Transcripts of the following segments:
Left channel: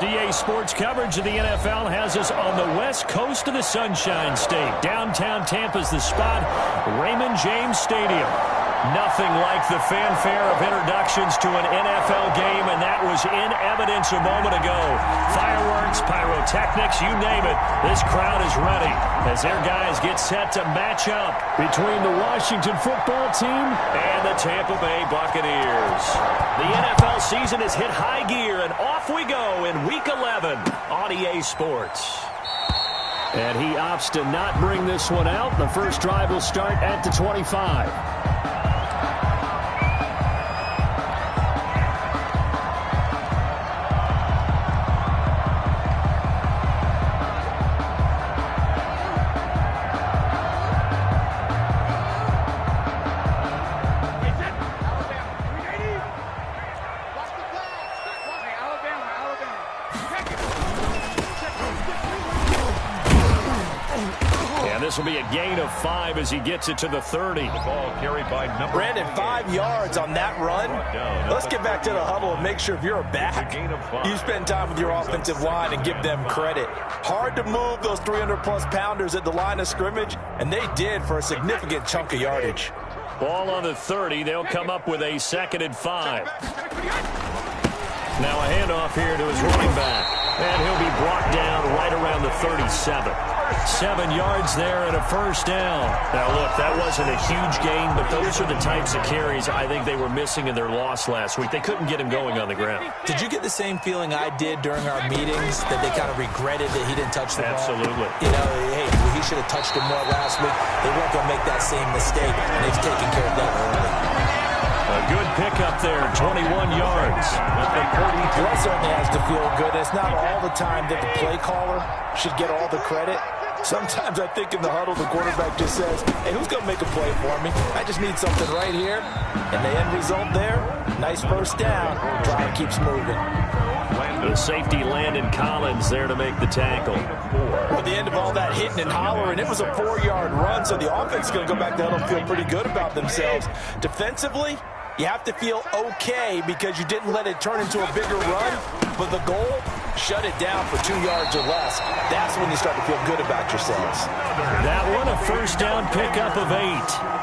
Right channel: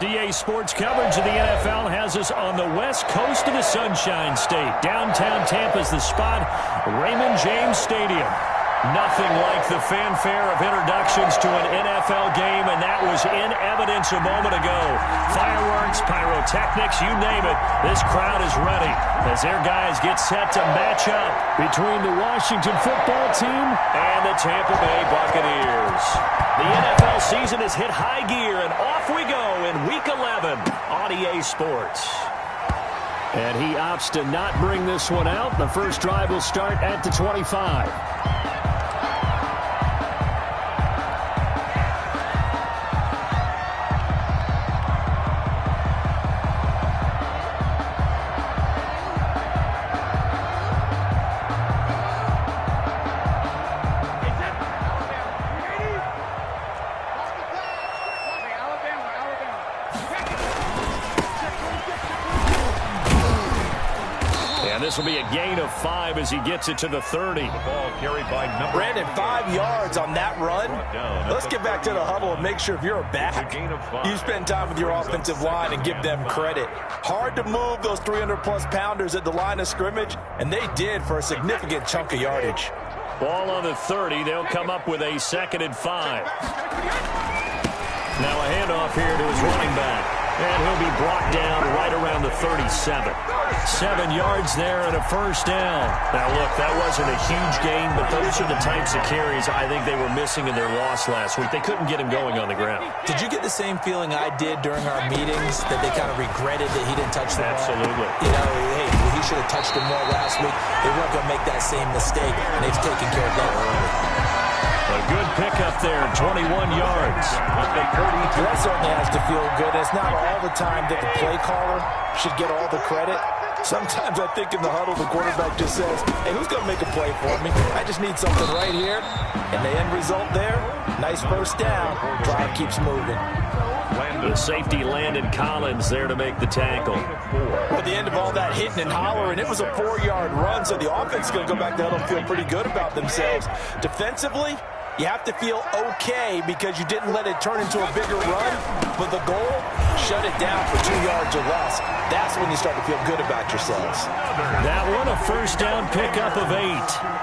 DA Sports coverage of the NFL has us on the west coast of the Sunshine State. Downtown Tampa's the spot, Raymond James Stadium. Nothing like the fanfare of introductions to an NFL game, and that was in evidence a moment ago. Fireworks, pyrotechnics, you name it, this crowd is ready as their guys get set to match up between the Washington football team and the Tampa Bay Buccaneers. The NFL season has hit high gear, and off we go in Week 11 on EA Sports. And he opts to not bring this one out. The first drive will start at the 25. This will be a gain of 5 as he gets it to the 30. The ball carried by Brandon, 5 yards on that run. Let's get back to the huddle and make sure if you're a back, you spend time with your offensive line and give them credit. Hard to move those 300-plus pounders at the line of scrimmage, and they did for a significant chunk of yardage. Ball on the 30. They'll come up with a 2nd and 5. Now a handoff here to his running back. And he'll be brought down right around the 37. 7 yards there and a first down. Now, look, that wasn't a huge gain, but those are the types of carries I think they were missing in their loss last week. They couldn't get him going on the ground. Did you get the same feeling I did during our meetings, that they kind of regretted that he didn't touch the ball? Absolutely. You know, hey, he should have touched it more last week. They weren't going to make that same mistake, and they've taken care of that early. A A good pickup there, 21 yards. That certainly has to feel good. It's not all the time that the play caller should get all the credit. Sometimes I think in the huddle, the quarterback just says, hey, who's going to make a play for me? I just need something right here. And the end result there, nice first down. Drive keeps moving. The safety Landon Collins there to make the tackle. At the end of all that hitting and hollering, it was a 4-yard run, so the offense is going to go back to huddle and feel pretty good about themselves. Defensively, you have to feel okay because you didn't let it turn into a bigger run, but the goal, shut it down for 2 yards or less. That's when you start to feel good about yourselves. That one, a first down pickup of 8.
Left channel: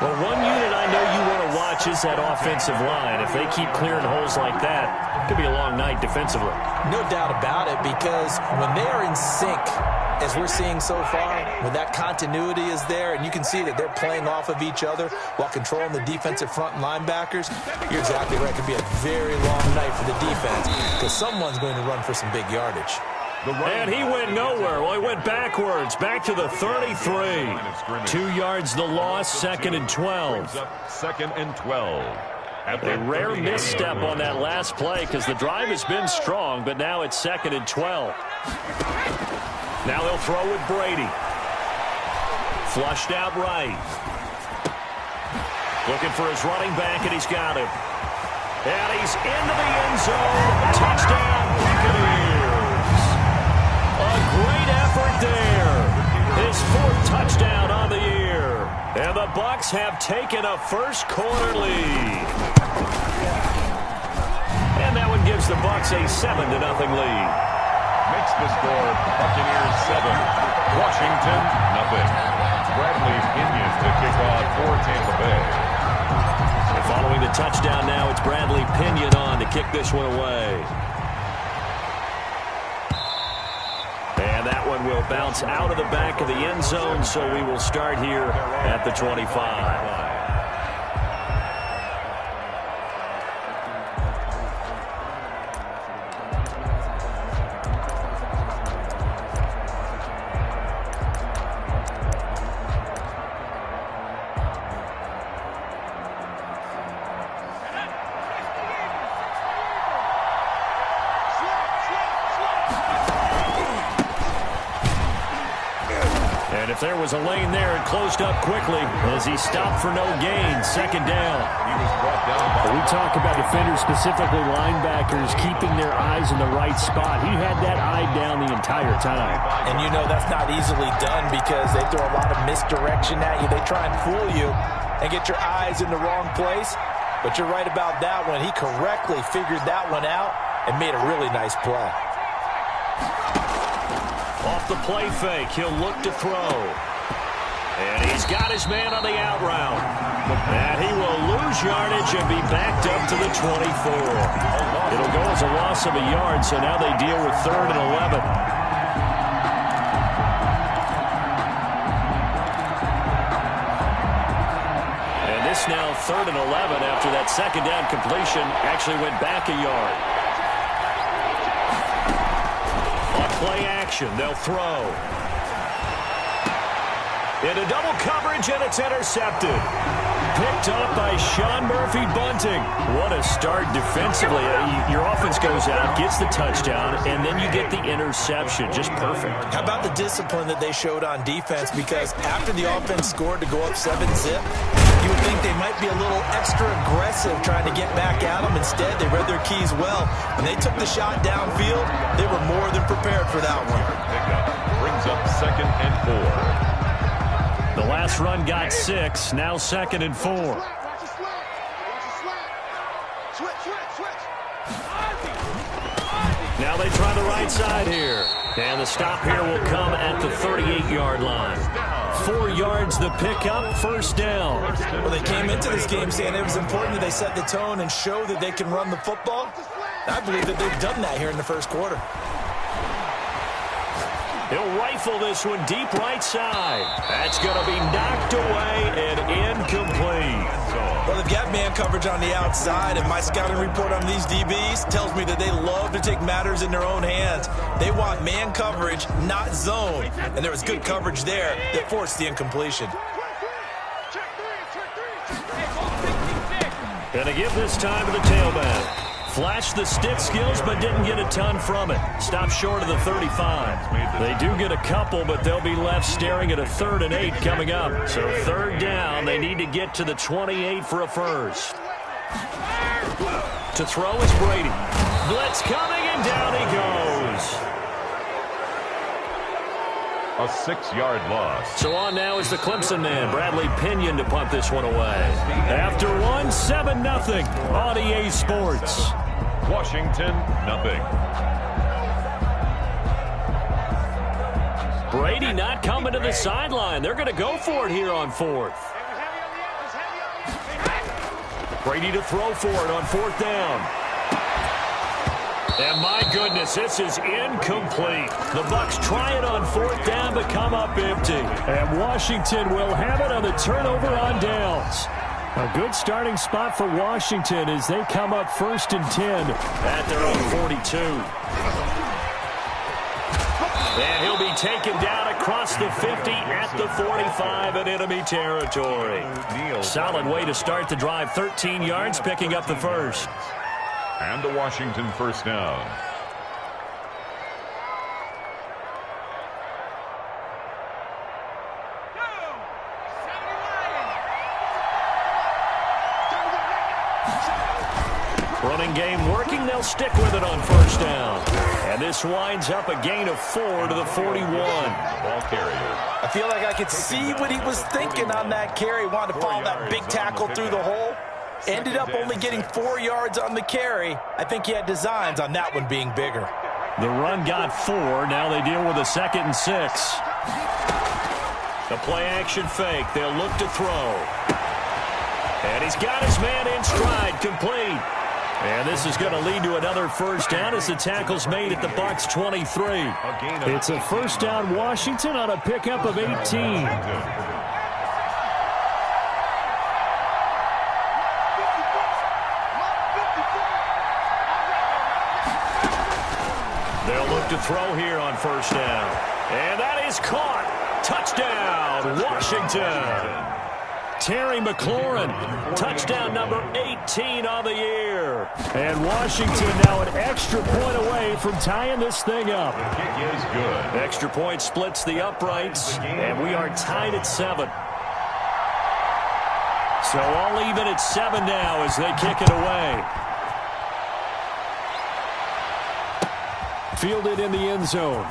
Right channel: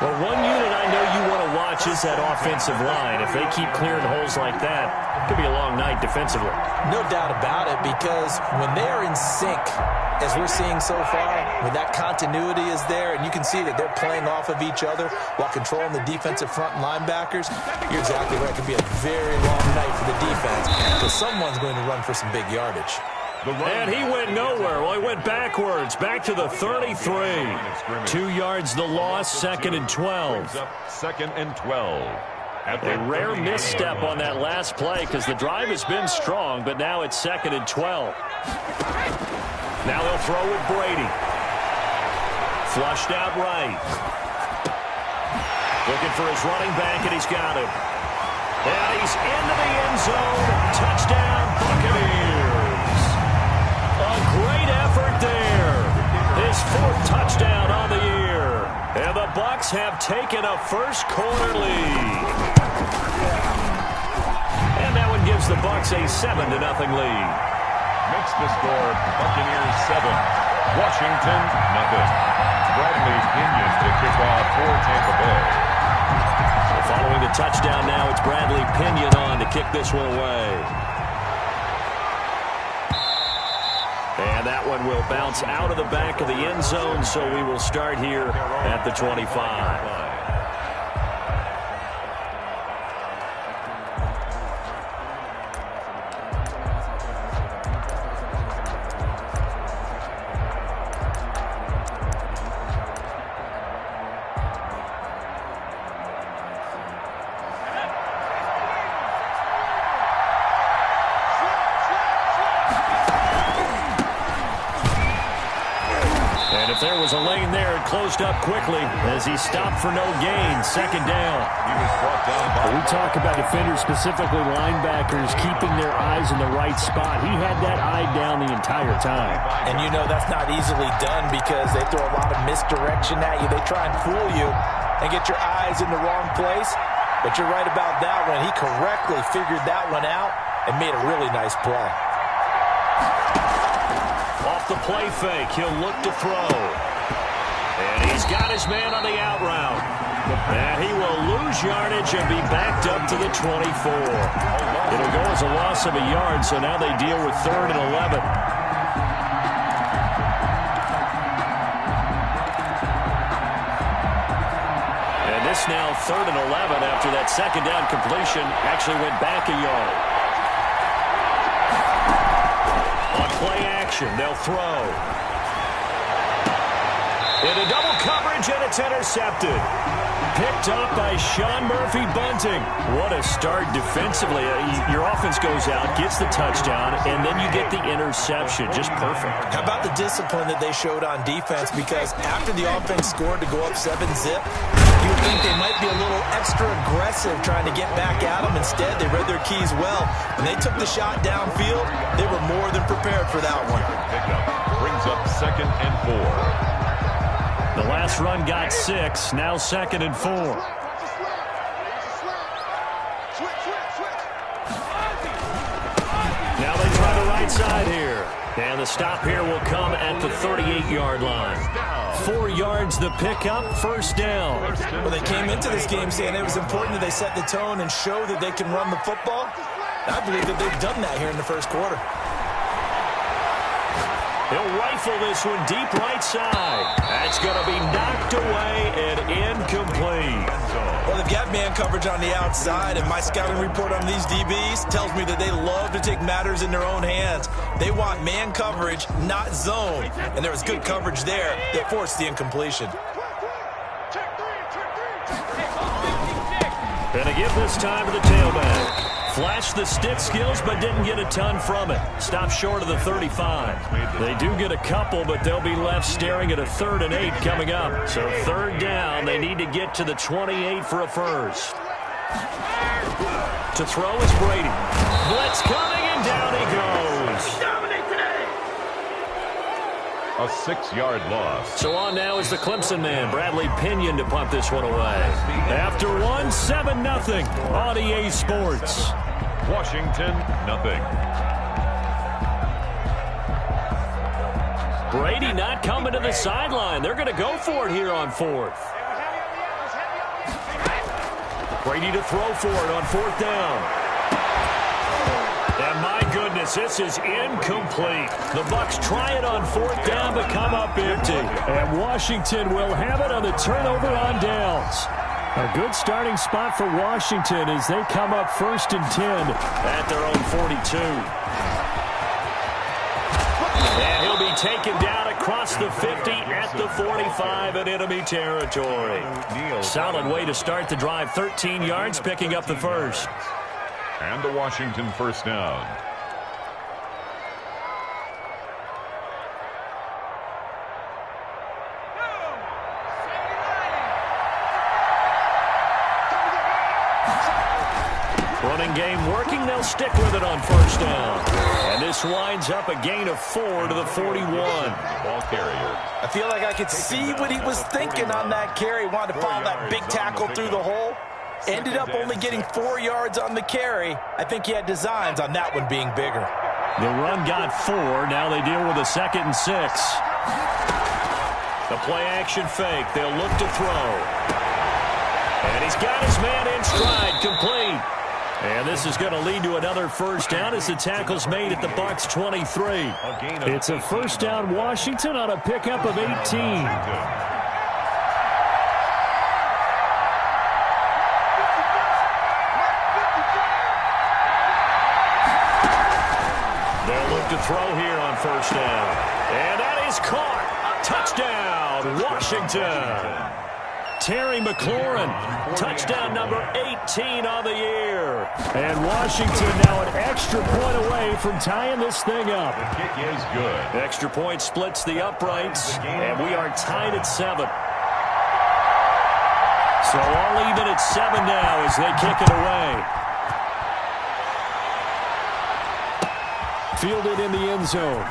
Well, one unit I know you want to watch is that offensive line. If they keep clearing holes like that, it could be a long night defensively. No doubt about it, because when they are in sync, as we're seeing so far, when that continuity is there and you can see that they're playing off of each other while controlling the defensive front and linebackers, you're exactly right. It could be a very long night for the defense because someone's going to run for some big yardage. And he went nowhere. Well, he went backwards, back to the 33. 2 yards the loss, 2nd and 12. 2nd and 12. A rare misstep on that last play because the drive has been strong, but now it's 2nd and 12. Now they'll throw with Brady. Flushed out right. Looking for his running back, and he's got him. And he's into the end zone. Touchdown, Buccaneers. A great effort there. His 4th touchdown on the year. And the Bucs have taken a first-quarter lead. And that one gives the Bucs a 7-0 lead. Makes the score Buccaneers 7, Washington nothing. Bradley Pinion to kick off for Tampa Bay. So following the touchdown now, it's Bradley Pinion on to kick this one away. And that one will bounce out of the back of the end zone, so we will start here at the 25. And if there was a lane there, it closed up quickly as he stopped for no gain. 2nd down. He was brought down by... We talk about defenders, specifically linebackers, keeping their eyes in the right spot. He had that eye down the entire time. And you know that's not easily done because they throw a lot of misdirection at you. They try and fool you and get your eyes in the wrong place. But you're right about that one. He correctly figured that one out and made a really nice play. Off the play fake, he'll look to throw. And he's got his man on the out route. And he will lose yardage and be backed up to the 24. It'll go as a loss of a yard, so now they deal with 3rd and 11. And this now 3rd and 11 after that 2nd down completion actually went back a yard. On play action, they'll throw. Into double coverage, and it's intercepted. Picked up by Sean Murphy-Bunting. What a start defensively. Your offense goes out, gets the touchdown, and then you get the interception. Just perfect. How about the discipline that they showed on defense? Because after the offense scored to go up 7-zip, you would think they might be a little extra aggressive trying to get back at them. Instead, they read their keys well. When they took the shot downfield, they were more than prepared for that one. Pickup brings up 2nd and 4. The last run got 6, now 2nd and 4. Now they try the right side here. And the stop here will come at the 38-yard line. 4 yards the pickup, 1st down. Well, they came into this game saying it was important that they set the tone and show that they can run the football. I believe that they've done that here in the 1st quarter. He'll rifle this one deep right side. That's going to be knocked away and incomplete. Well, they've got man coverage on the outside, and my scouting report on these DBs tells me that they love to take matters in their own hands. They want man coverage, not zone. And there was good coverage there that forced the incompletion. Gonna give this time to the tailback. Flashed the stick skills, but didn't get a ton from it. Stopped short of the 35. They do get a couple, but they'll be left staring at a 3rd and 8 coming up. So 3rd down, they need to get to the 28 for a first. To throw is Brady. Blitz coming, and down he goes. A 6-yard loss. So on now is the Clemson man, Bradley Pinion, to punt this one away. After one, 7-0 on EA Sports. Washington, nothing. Brady not coming to the sideline. They're going to go for it here on 4th. Brady to throw for it on 4th down. And my goodness, this is incomplete. The Bucs try it on 4th down, but come up empty. And Washington will have it on the turnover on downs. A good starting spot for Washington as they come up 1st and 10 at their own 42. And he'll be taken down across the 50 at the 45 in enemy territory. Solid way to start the drive. 13 yards, picking up the first. And a Washington first down. Running game working. They'll stick with it on 1st down. And this winds up a gain of 4 to the 41. Ball carrier. I feel like I could see what he was thinking on that carry. Wanted to follow that big tackle through the hole. Ended up only getting 4 yards on the carry. I think he had designs on that one being bigger. The run got 4. Now they deal with a 2nd and 6. The play action fake. They'll look to throw. And he's got his man in stride, complete. And this is going to lead to another first down as the tackle's made at the Bucs 23. It's a first down Washington on a pickup of 18. They'll look to throw here on 1st down. And that is caught. Touchdown, Washington. Terry McLaurin, touchdown number 18 on the year. And Washington now an extra point away from tying this thing up. The kick is good. Extra point splits the uprights, and we are tied at 7. So all even at 7 now as they kick it away. Fielded in the end zone.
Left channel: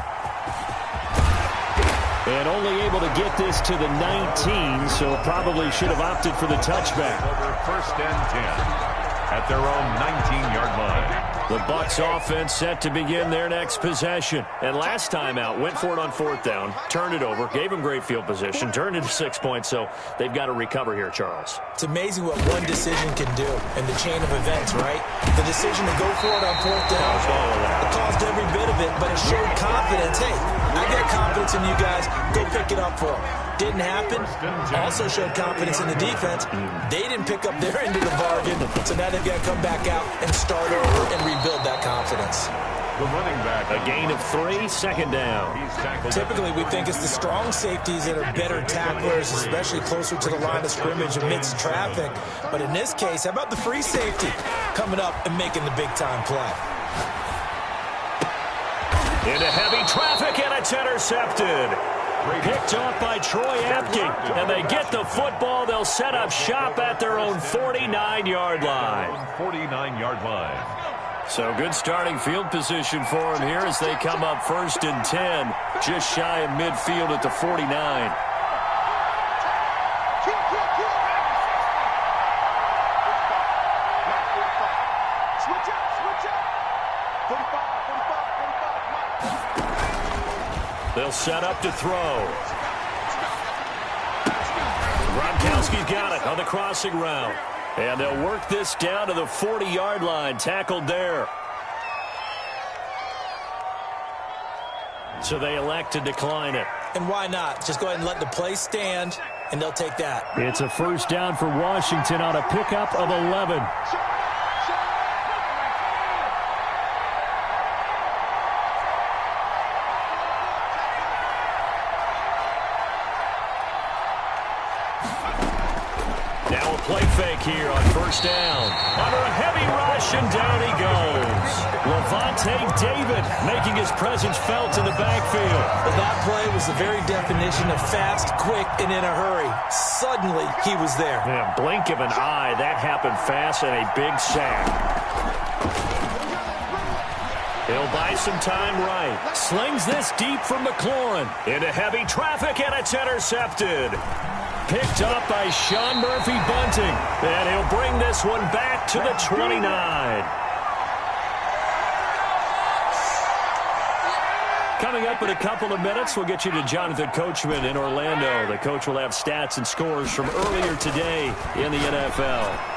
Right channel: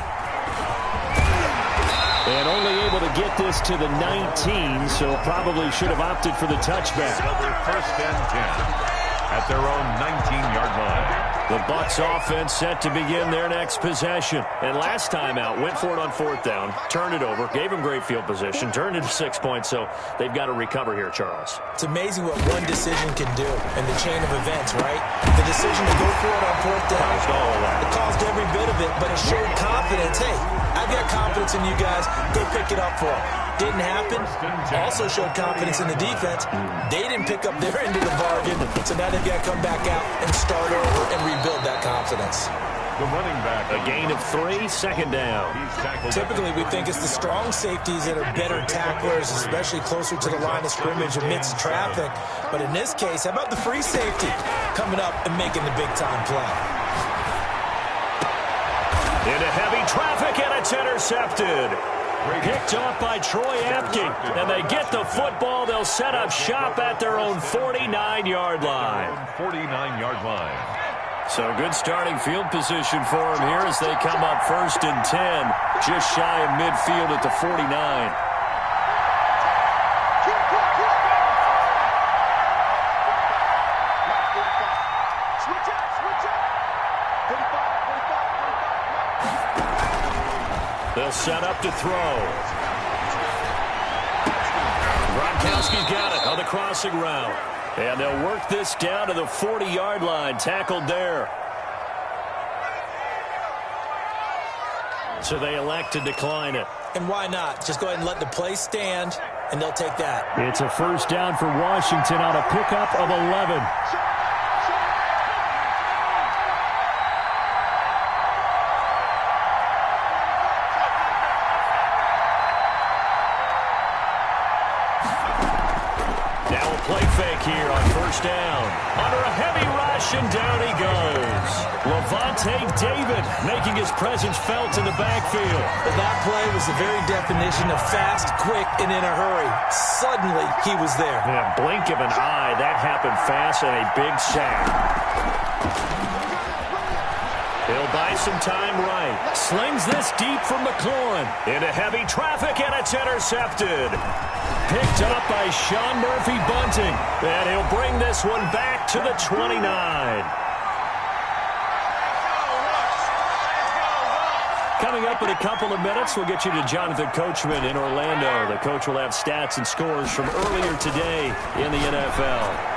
And only able to get this to the 19, so probably should have opted for the touchback. Over 1st and 10 at their own 19-yard line. The Bucs offense set to begin their next possession. And last time out, went for it on 4th down, turned it over, gave them great field position, turned it to 6 points, so they've got to recover here, Charles. It's amazing what one decision can do in the chain of events, right? The decision to go for it on 4th down, it caused every bit of it, but it showed confidence. Hey, I got confidence in you guys. Go pick it up for them. Didn't happen. Also showed confidence in the defense. They didn't pick up their end of the bargain, so now they've got to come back out and start over and rebuild that confidence. The running back. A gain of 3, 2nd down. Typically, we think it's the strong safeties that are better tacklers, especially closer to the line of scrimmage amidst traffic. But in this case, how about the free safety coming up and making the big-time play? Into heavy traffic, and it's intercepted. Picked off by Troy Apke, and they get the football. They'll set up shop at their own 49-yard line. 49-yard line. So good starting field position for them here as they come up 1st and 10, just shy of midfield at the 49. They'll set up to throw. Gronkowski's got it on the crossing route. And they'll work this down to the 40-yard line, tackled there. So they elect to decline it. And why not? Just go ahead and let the play stand, and they'll take that. It's a first down for Washington on a pickup of 11. play fake here on first down. Under a heavy rush, and down he goes. Levante David making his presence felt in the backfield. That play was the very definition of fast, quick, and in a hurry. Suddenly, he was there. Yeah, blink of an eye, that happened fast, and a big sack. He'll buy some time right. Slings this deep from McLaurin. Into heavy traffic, and it's intercepted. Picked up by Sean Murphy Bunting. And he'll bring this one back to the 29. Coming up in a couple of minutes, we'll get you to Jonathan Coachman in Orlando. The coach will have stats and scores from earlier today in the NFL.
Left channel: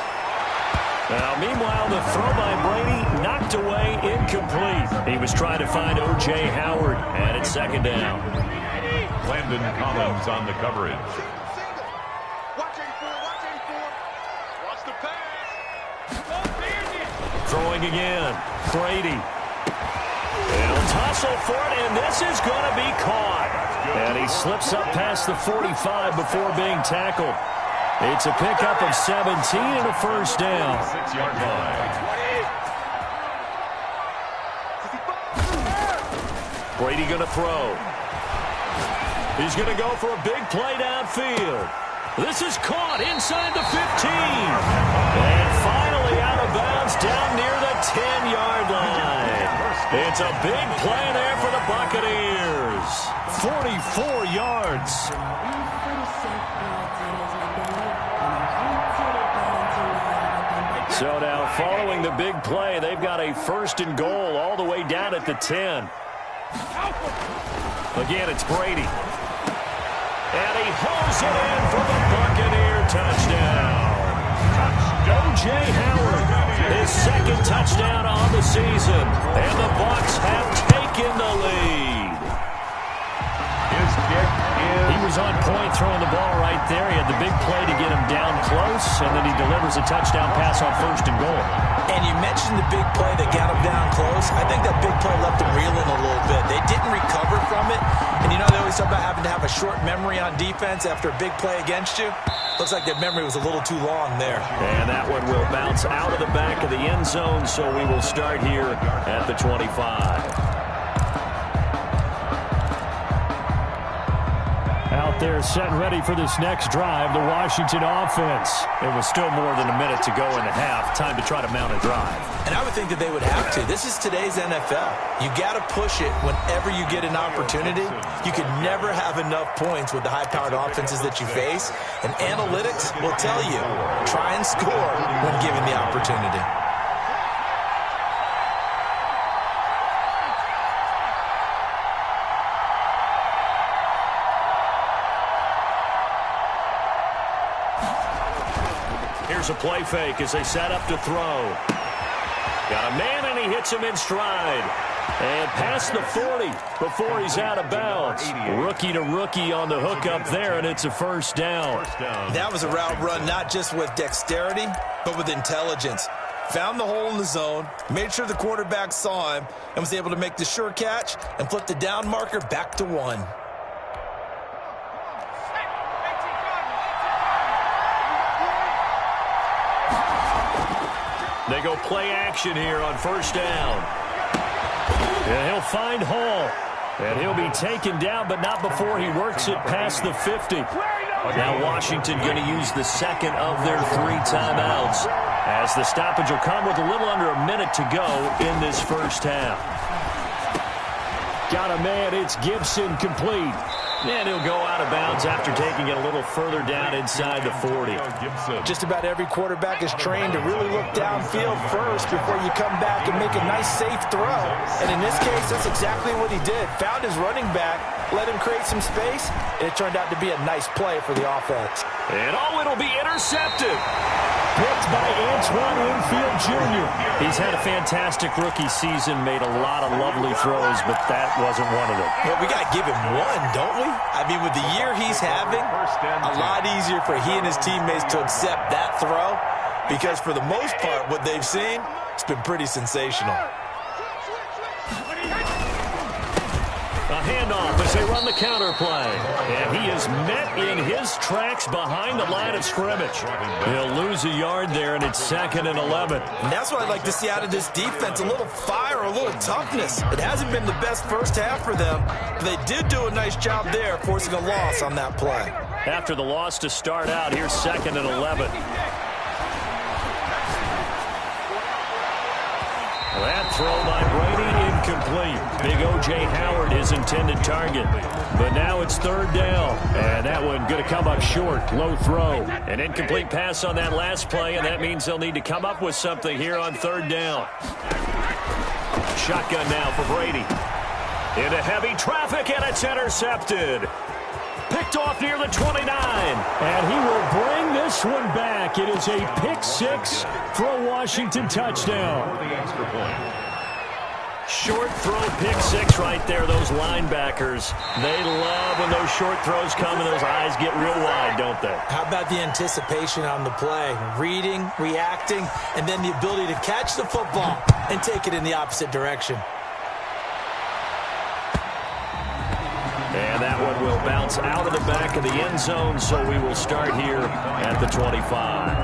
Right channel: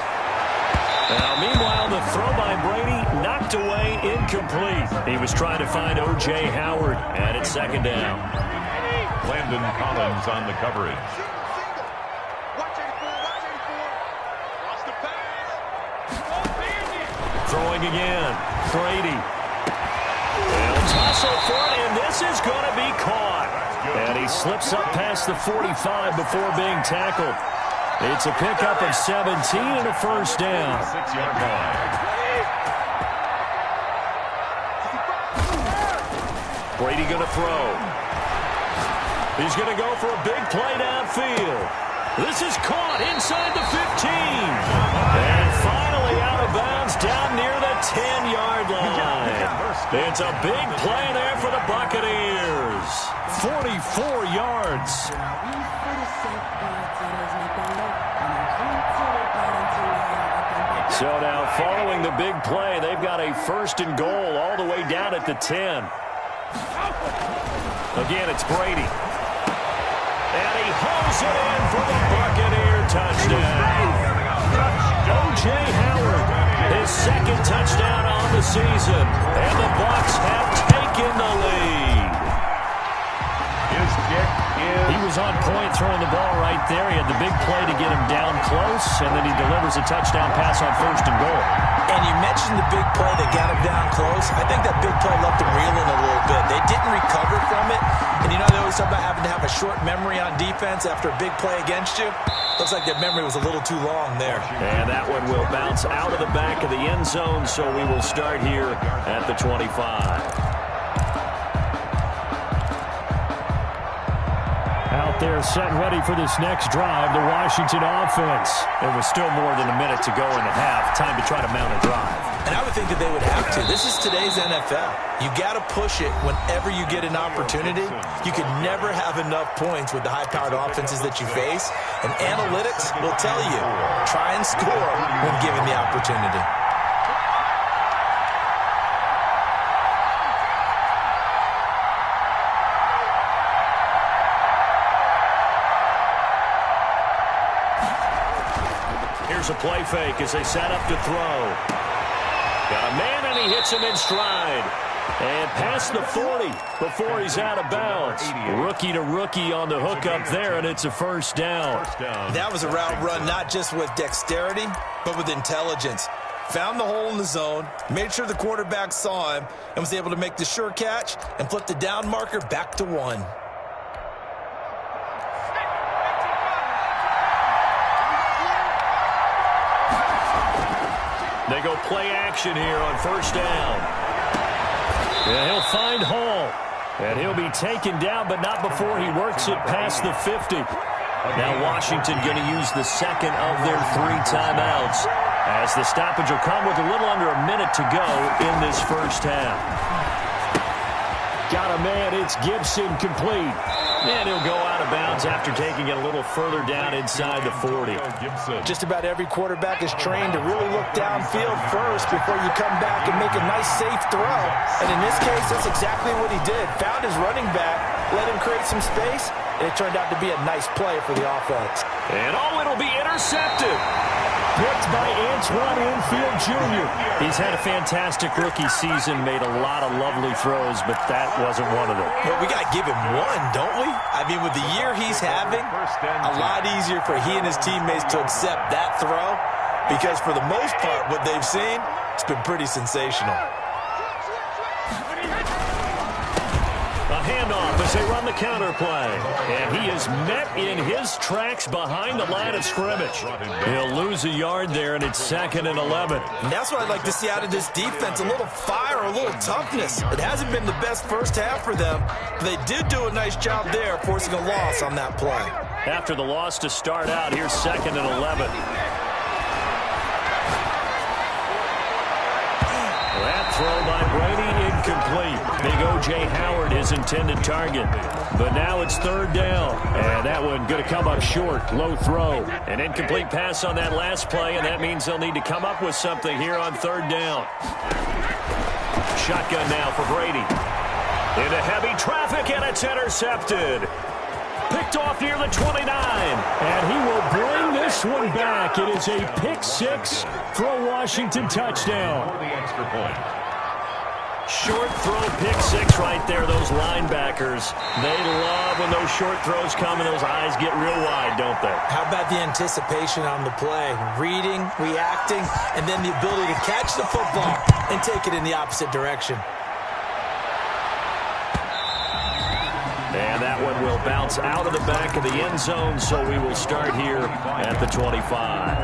Now, meanwhile, the throw by Brady knocked away, incomplete. He was trying to find O.J. Howard, and it's second down. Landon Collins on the coverage. Throwing again. Brady. They'll tussle for it, and this is going to be caught. And he slips up past the 45 before being tackled. It's a pickup of 17 and a first down. 6-yard line. Brady going to throw. He's going to go for a big play downfield. This is caught inside the 15. And finally out of bounds down near the 10-yard line. It's a big play there for the Buccaneers. 44 yards. So now following the big play, they've got a first and goal all the way down at the 10. Again, it's Brady. And he hauls it in for the Buccaneer touchdown. O.J. Howard, his second touchdown on the season. And the Bucs have taken the lead. His kick is... He was on point throwing the ball right there. He had the big play to get him down close, and then he delivers a touchdown pass on first and goal. And you mentioned the big play that got him down close. I think that big play left him reeling a little bit. They didn't recover from it. And you know they always talk about having to have a short memory on defense after a big play against you. Looks like that memory was a little too long there. And that one will bounce out of the back of the end zone, so we will start here at the 25. Out there set and ready for this next drive, the Washington offense. It was still more than a minute to go in the half. Time to try to mount a drive. And I would think that they would have to. This is today's NFL. You got to push it whenever you get an opportunity. You can never have enough points with the high-powered offenses that you face. And analytics will tell you, try and score when given the opportunity. Here's a play fake as they set up to throw. Got a man, and he hits him in stride. And past the 40 before he's out of bounds. Rookie to rookie on the hook up there, and it's a first down. That was a route run not just with dexterity, but with intelligence. Found the hole in the zone, made sure the quarterback saw him, and was able to make the sure catch and flip the down marker back to 1. They go play action here on first down. And he'll find Hall. And he'll be taken down, but not before he works it past the 50. Now Washington going to use the second of their 3 timeouts, as the stoppage will come with a little under a minute to go in this first half. Got a man, it's Gibson, complete. And he'll go out of bounds after taking it a little further down inside the 40. Just about every quarterback is trained to really look downfield first before you come back and make a nice, safe throw. And in this case, that's exactly what he did. Found his running back, let him create some space, and it turned out to be a nice play for the offense. And it'll be intercepted. Picked by Antoine Winfield Jr. He's had a fantastic rookie season, made a lot of lovely throws, but that wasn't one of them. But we got to give him one, don't we? I mean, with the year he's having, a lot easier for he and his teammates to accept that throw, because for the most part, what they've seen, it's been pretty sensational. A handoff as they run the counter play. And he is met in his tracks behind the line of scrimmage. He'll lose a yard there, and it's 2nd and 11. And that's what I'd like to see out of this defense, a little fire, a little toughness. It hasn't been the best first half for them. They did do a nice job there, forcing a loss on that play. After the loss to start out, here's 2nd and 11. That throw by Brady incomplete. Big O.J. Howard, his intended target. But now it's 3rd down. And that one going to come up short. Low throw. An incomplete pass on that last play, and that means they'll need to come up with something here on 3rd down. Shotgun now for Brady. Into heavy traffic, and it's intercepted. Picked off near the 29. And he will bring this one back. It is a pick 6 for a Washington touchdown. For the extra point. Short throw, pick 6 right there. Those linebackers, they love when those short throws come and those eyes get real wide, don't they? How about the anticipation on the play? Reading, reacting, and then the ability to catch the football and take it in the opposite direction. And that one will bounce out of the back of the end zone, so we will start here at the 25.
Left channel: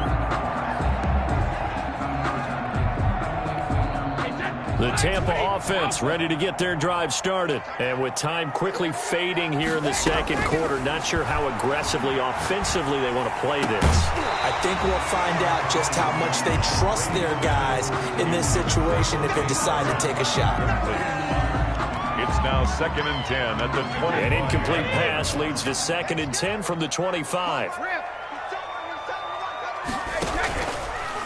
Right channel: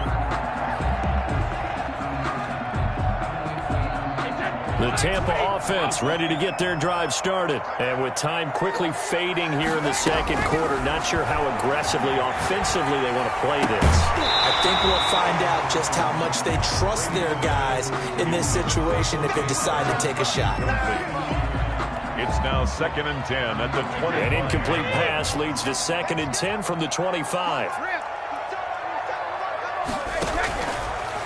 The Tampa offense ready to get their drive started. And with time quickly fading here in the 2nd quarter, not sure how aggressively, offensively they want to play this. I think we'll find out just how much they trust their guys in this situation if they decide to take a shot. It's now 2nd and 10 at the 20. An incomplete pass leads to 2nd and 10 from the 25.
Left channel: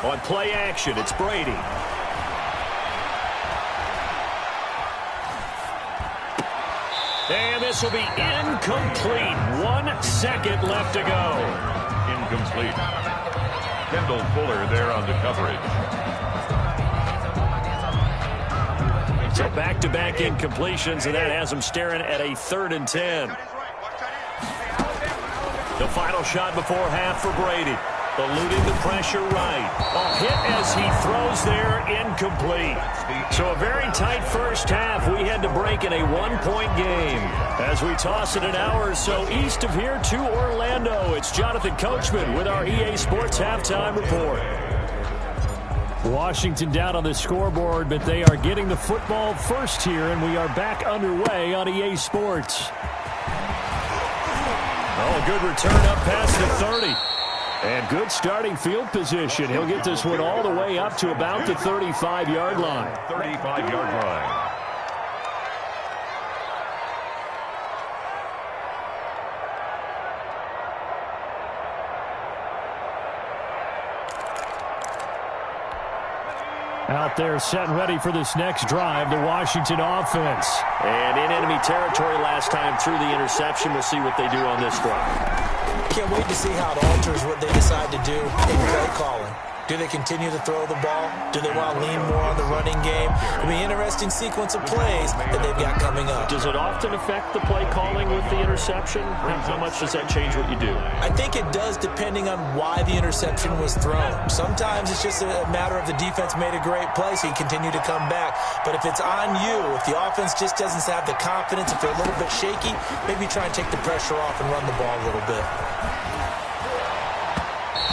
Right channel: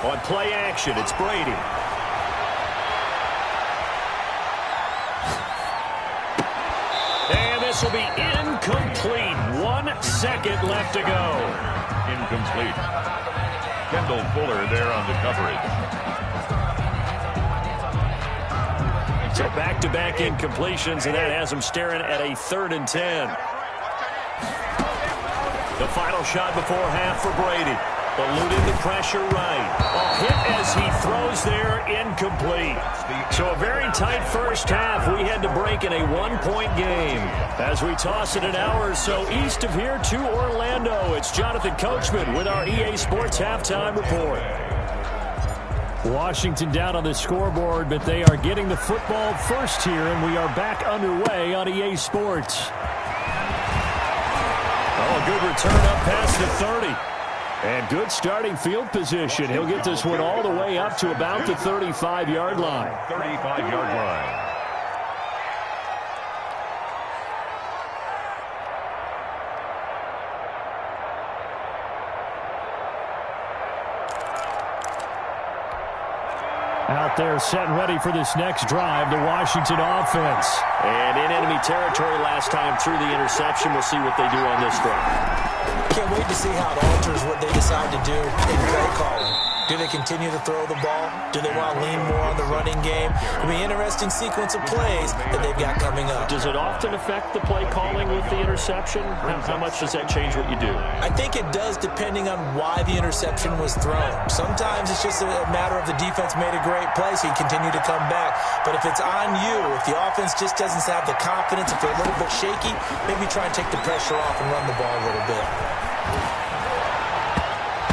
On play action, it's Brady. And this will be incomplete. 1 second left to go. Incomplete. Kendall Fuller there on the coverage. So back-to-back incompletions, and that has them staring at a 3rd and 10. The final shot before half for Brady. Eluding the pressure right. A hit as he throws there, incomplete. So a very tight first half. We had to break in a 1-point game. As we toss it an hour or so east of here to Orlando, it's Jonathan Coachman with our EA Sports Halftime Report. Washington down on the scoreboard, but they are getting the football first here, and we are back underway on EA Sports. Oh, a good return up past the 30. And good starting field position. He'll get this one all the way up to about the 35-yard line. 35-yard line. Out there set and ready for this next drive, the Washington offense. And in enemy territory last time through the interception. We'll see what they do on this drive. Can't wait to see how it alters what they decide to do in play calling. Do they continue to throw the ball? Do they want to lean more on the running game? It'll be an interesting sequence of plays that they've got coming up. Does it often affect the play calling with the interception? How much does that change what you do? I think it does, depending on why the interception was thrown. Sometimes it's just a matter of the defense made a great play, so you continue to come back. But if it's on you, if the offense just doesn't have the confidence, if they're a little bit shaky, maybe try and take the pressure off and run the ball a little bit.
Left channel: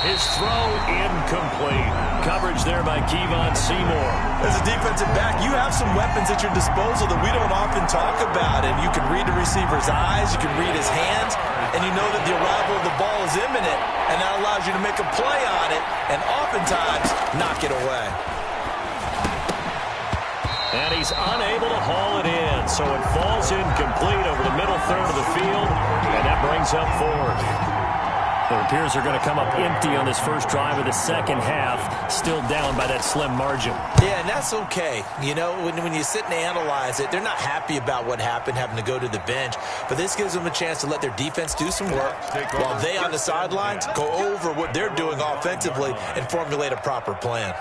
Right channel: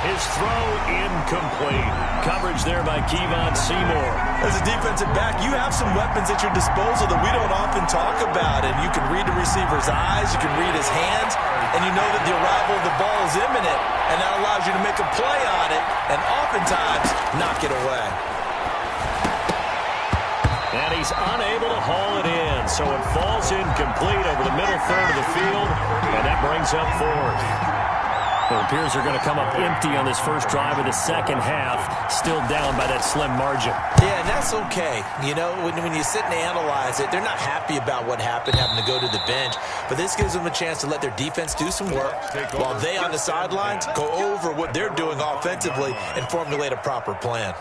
His throw incomplete. Coverage there by Kevon Seymour. As a defensive back, you have some weapons at your disposal that we don't often talk about. And you can read the receiver's eyes, you can read his hands, and you know that the arrival of the ball is imminent. And that allows you to make a play on it and oftentimes knock it away. And he's unable to haul it in. So it falls incomplete over the middle third of the field. And that brings up 4th. It appears they're going to come up empty on this first drive of the second half, still down by that slim margin. Yeah, and that's okay. You know, when you sit and analyze it, they're not happy about what happened, having to go to the bench. But this gives them a chance to let their defense do some work while they on the sidelines go over what they're doing offensively and formulate a proper plan.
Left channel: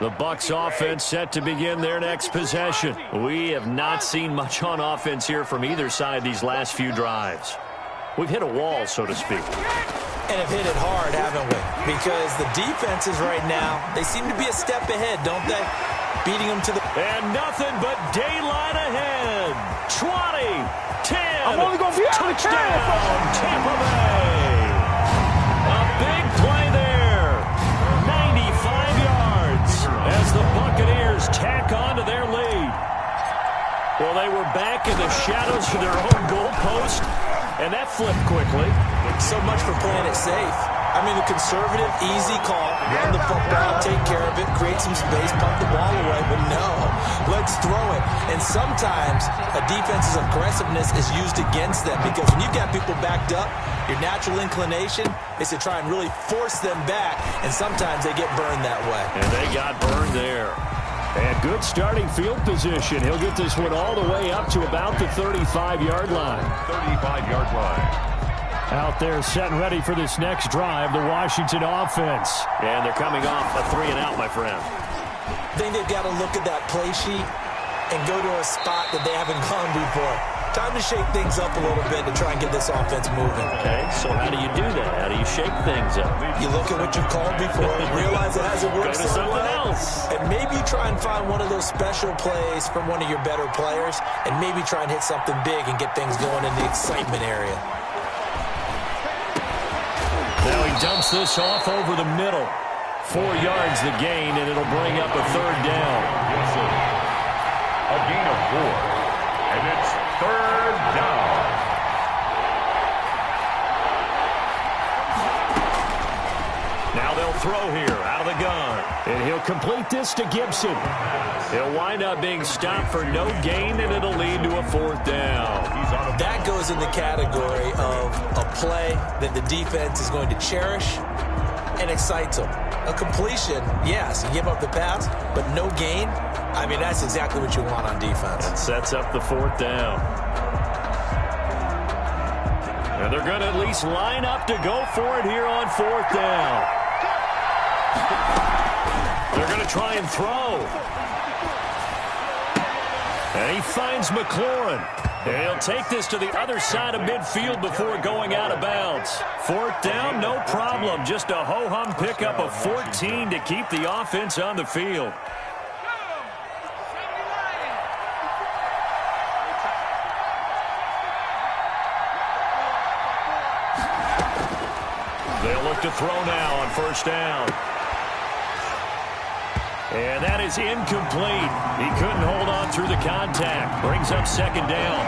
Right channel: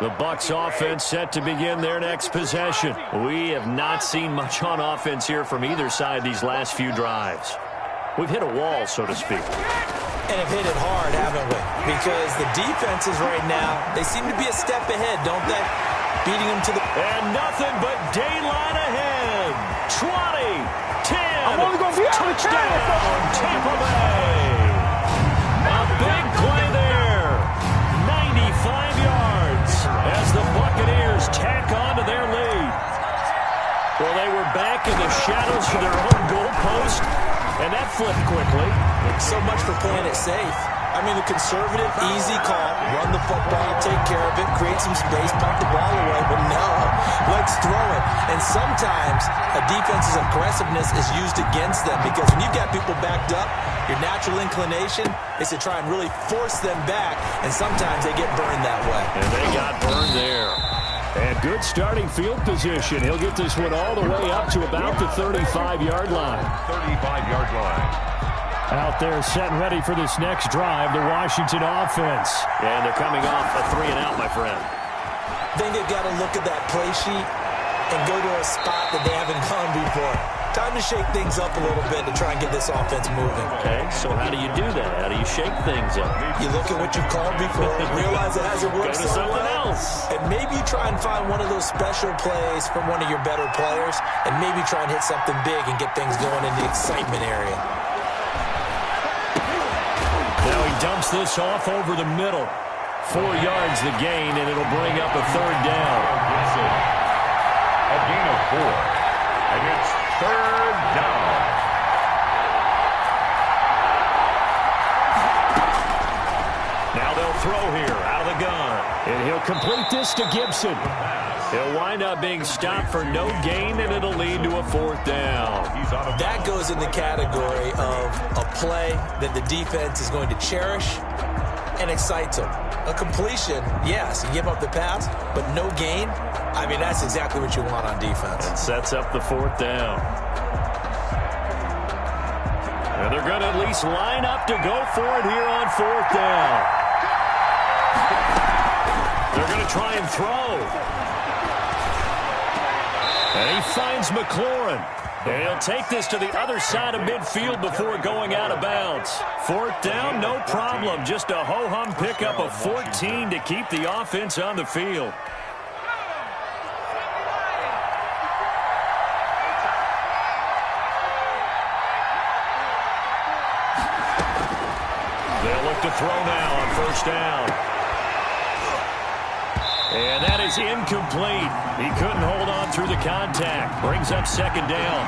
The Bucs offense set to begin their next possession. We have not seen much on offense here from either side these last few drives. We've hit a wall, so to speak. And have hit it hard, haven't we? Because the defenses right now, they seem to be a step ahead, don't they? beating them to the... And nothing but daylight ahead. 20, 10, I'm only going to be touchdown, Tampa Bay. A big play there. 95 yards as the Buccaneers tack on to their lead. Well, they were back in the shadows for their own goalpost, and that flipped quickly. So much for playing it safe. I mean, the conservative, easy call, run the football, take care of it, create some space, pump the ball away, but no, let's throw it. And sometimes a defense's aggressiveness is used against them because when you've got people backed up, your natural inclination is to try and really force them back, and sometimes they get burned that way. And they got burned there. And good starting field position. He'll get this one all the way up to about the 35-yard line. 35-yard line. Out there set and ready for this next drive, the Washington offense. And they're coming off a 3-and-out, my friend. I think they've got to look at that play sheet and go to a spot that they haven't gone before. Time to shake things up a little bit to try and get this offense moving. Okay, so how do you do that? How do you shake things up? You look at what you've called before, realize it hasn't worked Go to so something well, else. and maybe try and find one of those special plays from one of your better players, and maybe try and hit something big and get things going in the excitement area. Now he dumps this off over the middle. 4 yards the gain, and it'll bring up a 3rd down. Gibson. A gain of 4. And it's 3rd down. Now they'll throw here out of the gun. And he'll complete this to Gibson. He'll wind up being stopped for no gain, and it'll lead to a 4th down. That goes in the category of a play that the defense is going to cherish and excites them. A completion, yes, you give up the pass, but no gain. I mean, that's exactly what you want on defense. And sets up the 4th down. And they're going to at least line up to go for it here on 4th down. They're going to try and throw. And he finds McLaurin. And he'll take this to the other side of midfield before going out of bounds. 4th down, no problem. Just a ho-hum pickup of 14 to keep the offense on the field. They'll look to throw now on 1st down. And that is incomplete. He couldn't hold on through the contact. Brings up 2nd down.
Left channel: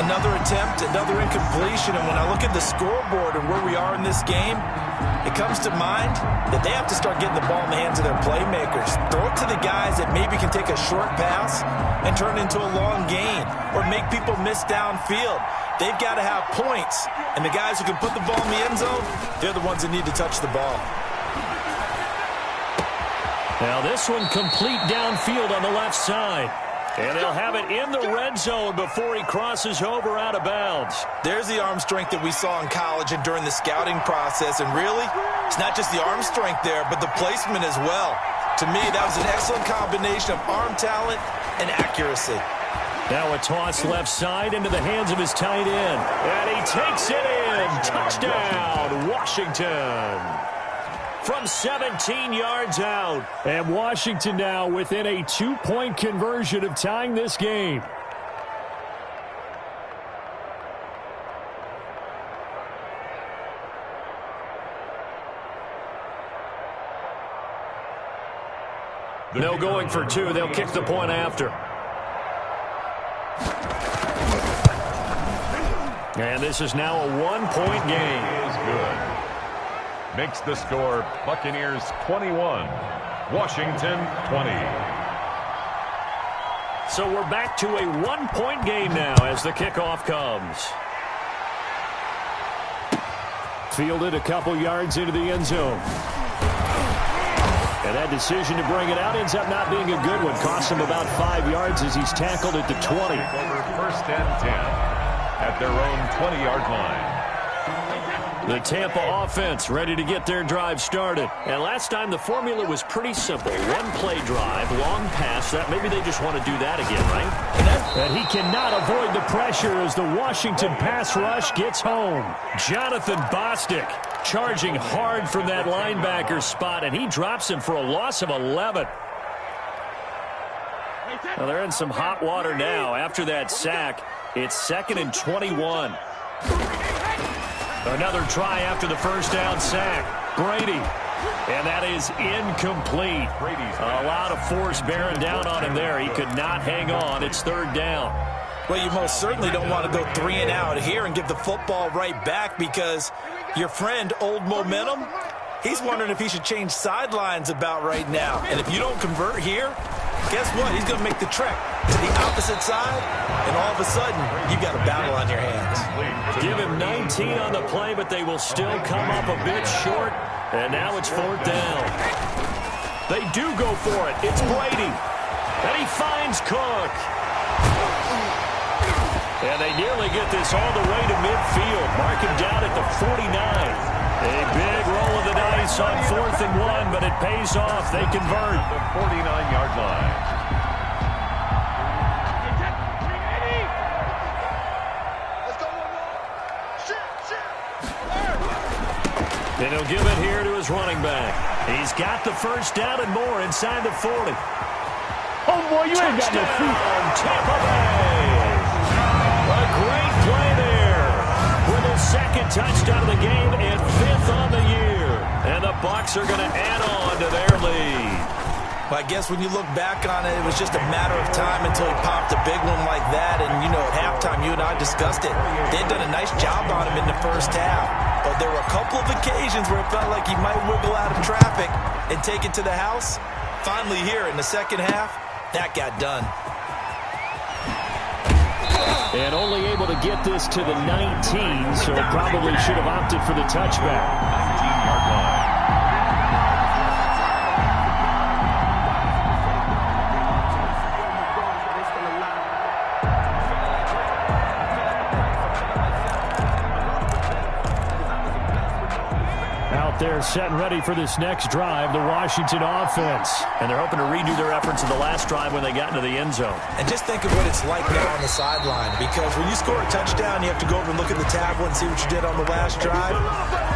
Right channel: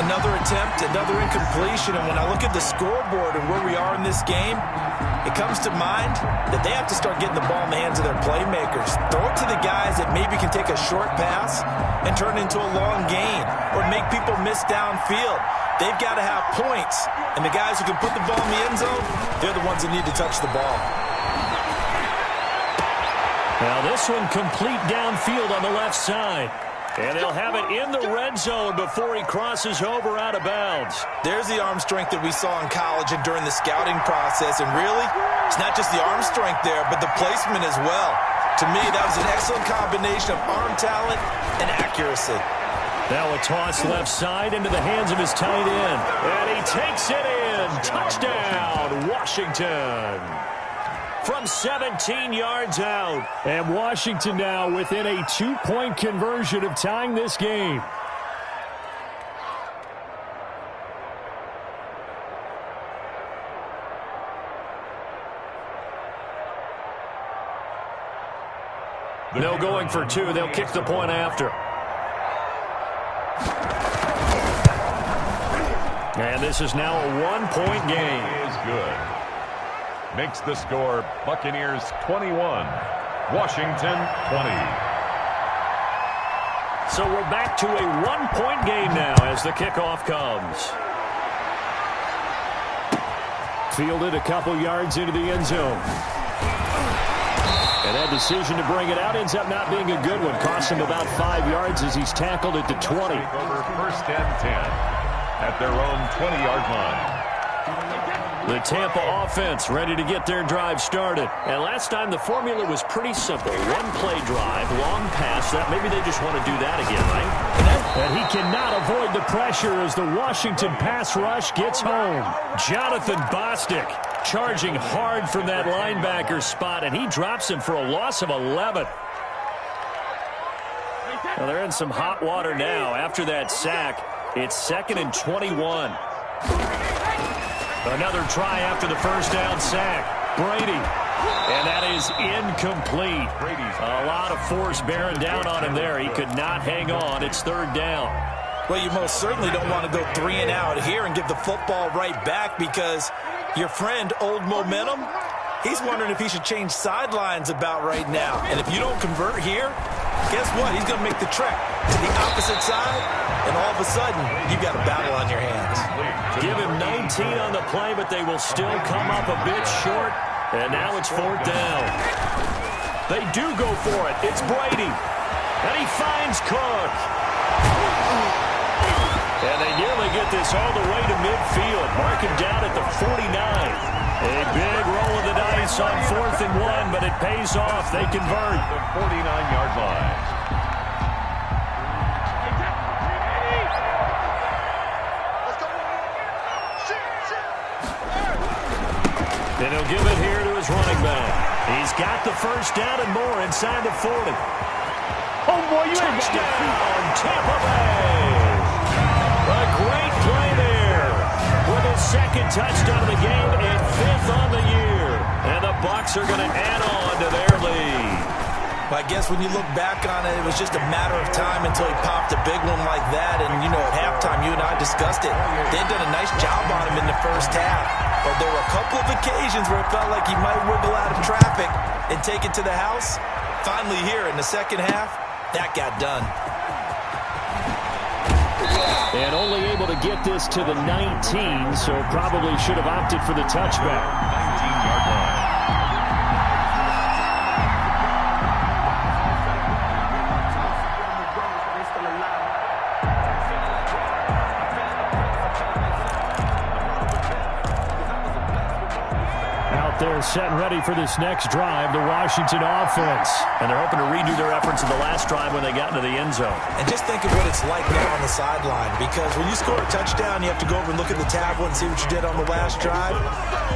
Another attempt, another incompletion. And when I look at the scoreboard and where we are in this game, it comes to mind that they have to start getting the ball in the hands of their playmakers. Throw it to the guys that maybe can take a short pass and turn it into a long gain or make people miss downfield. They've got to have points. And the guys who can put the ball in the end zone, they're the ones that need to touch the ball. Now this one complete downfield on the left side. And they'll have it in the red zone before he crosses over out of bounds. There's the arm strength that we saw in college and during the scouting process. And really, it's not just the arm strength there, but the placement as well. To me, that was an excellent combination of arm talent and accuracy. Now a toss left side into the hands of his tight end. And he takes it in. Touchdown, Washington. From 17 yards out. And Washington now within a 2-point conversion of tying this game. No going for 2. They'll kick the point after. And this is now a 1-point game. Is good. Makes the score Buccaneers 21, Washington 20. So we're back to a 1-point game now as the kickoff comes. Fielded a couple yards into the end zone. And that decision to bring it out ends up not being a good one. Costs him about 5 yards as he's tackled at the 20. Over 1st and 10 at their own 20-yard line. The Tampa offense ready to get their drive started. And last time the formula was pretty simple. 1-play drive, long pass. That maybe they just want to do that again, right? And he cannot avoid the pressure as the Washington pass rush gets home. Jonathan Bostic charging hard from that linebacker spot, and he drops him for a loss of 11. Well, they're in some hot water now. After that sack, it's 2nd and 21. Another try after the first down sack. Brady. And that is incomplete. A lot of force bearing down on him there. He could not hang on. It's 3rd down. Well, you most certainly don't want to go 3 and out here and give the football right back, because your friend, Old Momentum, he's wondering if he should change sidelines about right now. And if you don't convert here, guess what? He's going to make the trek to the opposite side, and all of a sudden, you've got a battle on your hands. Give him 19 on the play, but they will still come up a bit short, and now it's 4th down. They do go for it. It's Brady, and he finds Cook. And they nearly get this all the way to midfield. Mark him down at the 49. A big roll of the dice on 4th and 1, but it pays off. They convert. The 49-yard line. And he'll give it here to his running back. He's got the first down and more inside the 40. Oh, boy, you ain't got no feet. Tampa Bay. A great play there with his 2nd touchdown of the game and 5th on the year. And the Bucs are going to add on to their lead. Well, I guess when you look back on it, it was just a matter of time until he popped a big one like that. And, you know, at halftime, you and I discussed it. They'd done a nice job on him in the first half. But there were a couple of occasions where it felt like he might wiggle out of traffic and take it to the house. Finally here in the second half, that got done. And only able to get this to the 19, so probably should have opted for the touchback. 19-yard line. They're set and ready for this next drive, the Washington offense. And they're hoping to redo their efforts in the last drive when they got into the end zone. And just think of what it's like now on the sideline, because when you score a touchdown, you have to go over and look at the tablet and see what you did on the last drive.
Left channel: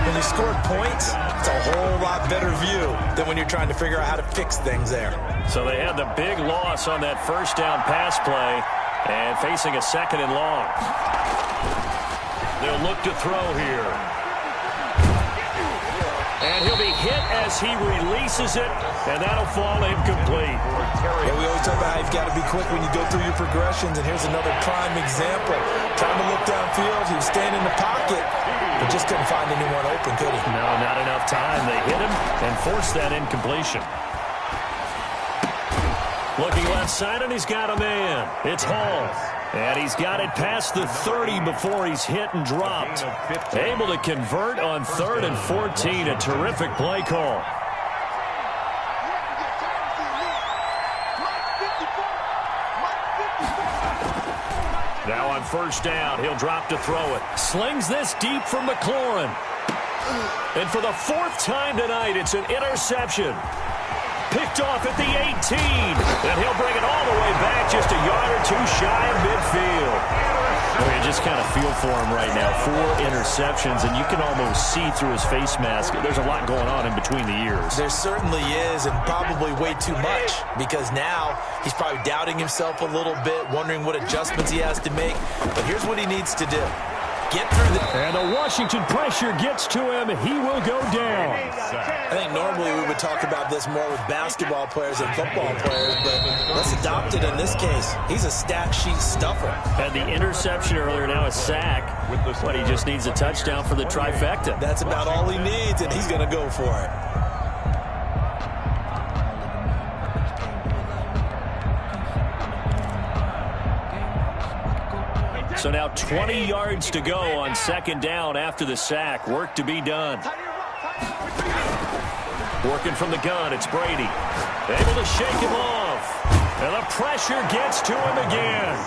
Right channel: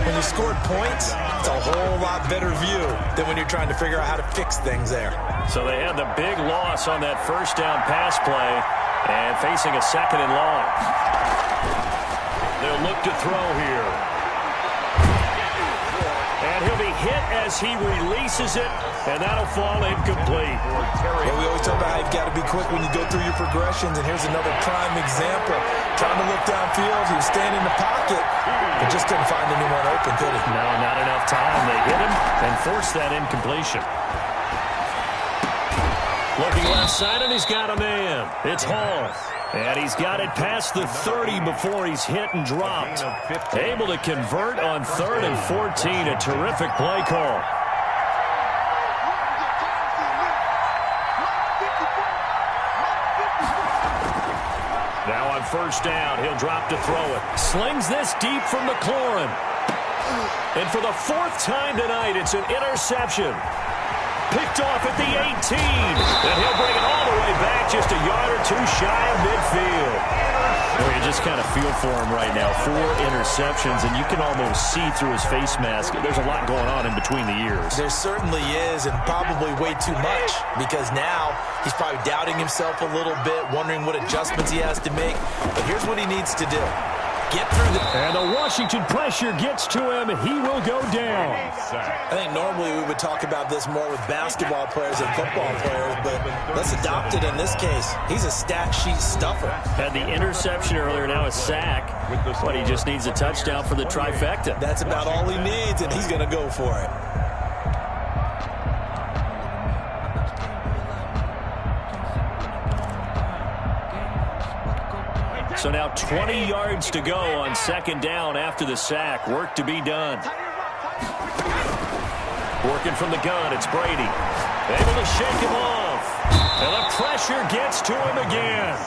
When you scored points, it's a whole lot better view than when you're trying to figure out how to fix things there. So they had the big loss on that first down pass play and facing a 2nd and long. They'll look to throw here. And he'll be hit as he releases it, and that'll fall incomplete. Well, we always talk about how you've got to be quick when you go through your progressions, and here's another prime example. Trying to look downfield, he was staying in the pocket, but just couldn't find anyone open, could he? No, not enough time. They hit him and forced that incompletion. Looking left side, and he's got a man. It's Hall. And he's got it past the 30 before he's hit and dropped. Able to convert on 3rd and 14. A terrific play call. Now on first down, he'll drop to throw it. Slings this deep from McLaurin. And for the 4th time tonight, it's an interception. Picked off at the 18. And he'll bring it all the way back just a yard or 2 shy of midfield. Well, you just kind of feel for him right now. 4 interceptions, and you can almost see through his face mask. There's a lot going on in between the ears. There certainly is, and probably way too much, because now he's probably doubting himself a little bit, wondering what adjustments he has to make. But here's what he needs to do. Get through the... And the Washington pressure gets to him. He will go down. I think normally we would talk about this more with basketball players and football players, but let's adopt it in this case. He's a stat sheet stuffer. Had the interception earlier, now a sack. What, he just needs a touchdown for the trifecta. That's about all he needs, and he's going to go for it. So now 20 yards to go on 2nd down after the sack. Work to be done. Working from the gun, it's Brady. Able to shake him off. And the pressure gets to him again.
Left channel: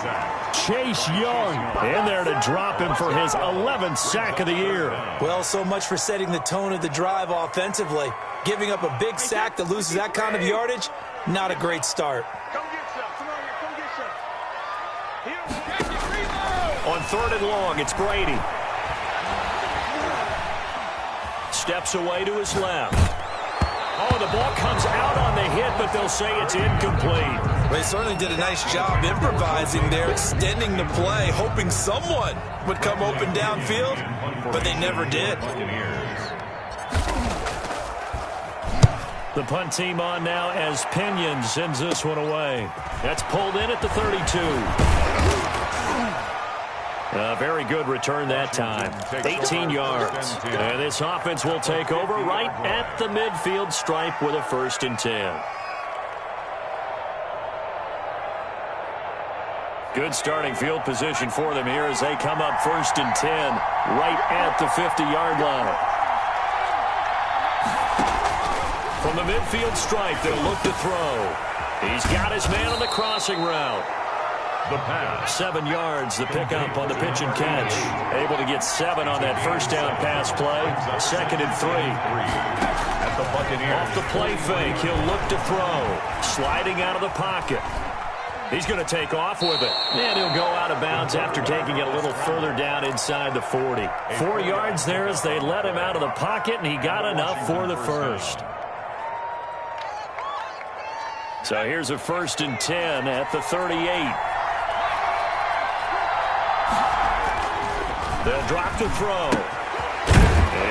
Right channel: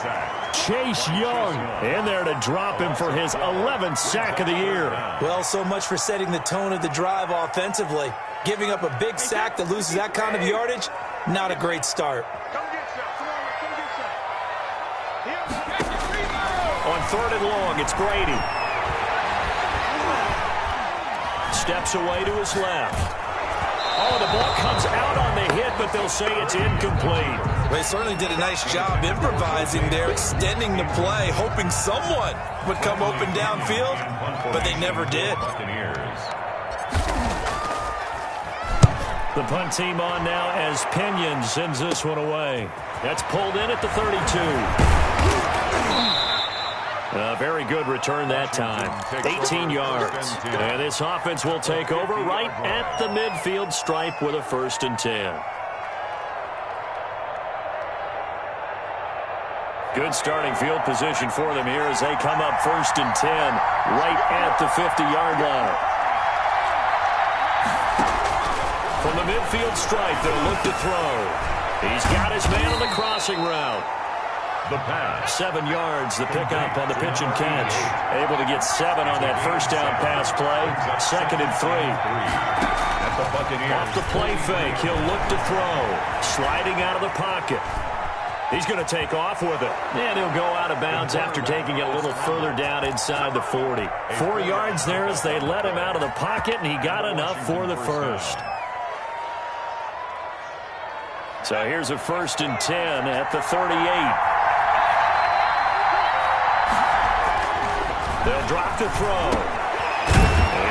Chase Young in there to drop him for his 11th sack of the year. Well, so much for setting the tone of the drive offensively. Giving up a big sack that loses that kind of yardage, not a great start. On 3rd and long, it's Brady. Steps away to his left. Oh, the ball comes out on the hit, but they'll say it's incomplete. They certainly did a nice job improvising there, extending the play, hoping someone would come open downfield, but they never did. The punt team on now as Pinion sends this one away. That's pulled in at the 32. A very good return that time. 18 yards. And this offense will take over right at the midfield stripe with a 1st and 10. Good starting field position for them here as they come up 1st and 10 right at the 50-yard line. From the midfield stripe, they'll look to throw. He's got his man on the crossing route. The pass. 7 yards, the pickup on the pitch and catch. Able to get 7 on that first down pass play. 2nd and 3. At the Buccaneers. Off the play fake, he'll look to throw. Sliding out of the pocket. He's going to take off with it. And he'll go out of bounds after taking it a little further down inside the 40. 4 yards there as they let him out of the pocket, and he got enough for the first. So here's a 1st and 10 at the 38. They'll drop to throw.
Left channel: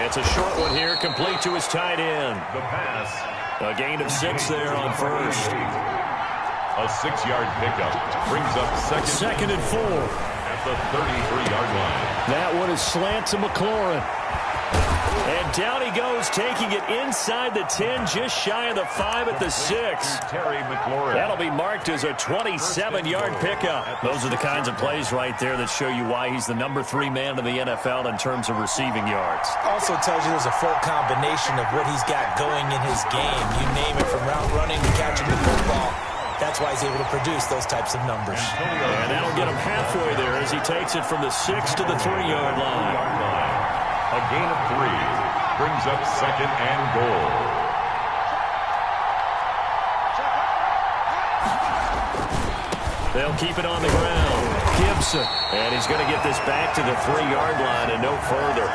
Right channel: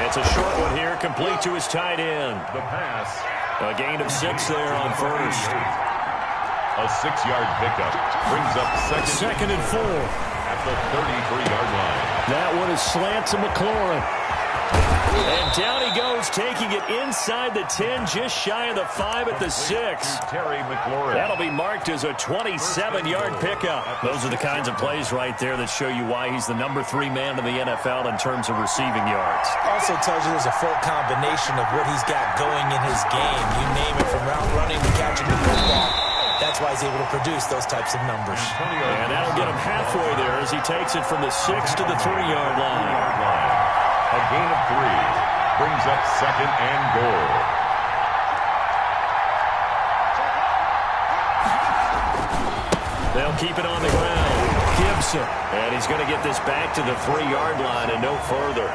It's a short one here, complete to his tight end. The pass. A gain of 6 there on first. A 6-yard pickup brings up 2nd and 4. At the 33-yard line. That one is slant to McLaurin. And down he goes, taking it inside the 10, just shy of the 5 at the 6. Terry McLaurin. That'll be marked as a 27-yard pickup. Those are the kinds of plays right there that show you why he's the number 3 man in the NFL in terms of receiving yards. Also tells you there's a full combination of what he's got going in his game. You name it, from route running to catching the football. That's why he's able to produce those types of numbers. And that'll get him halfway there as he takes it from the 6 to the 3-yard line. A gain of 3 brings up 2nd and goal. They'll keep it on the ground. Gibson. And he's going to get this back to the 3-yard line and no further.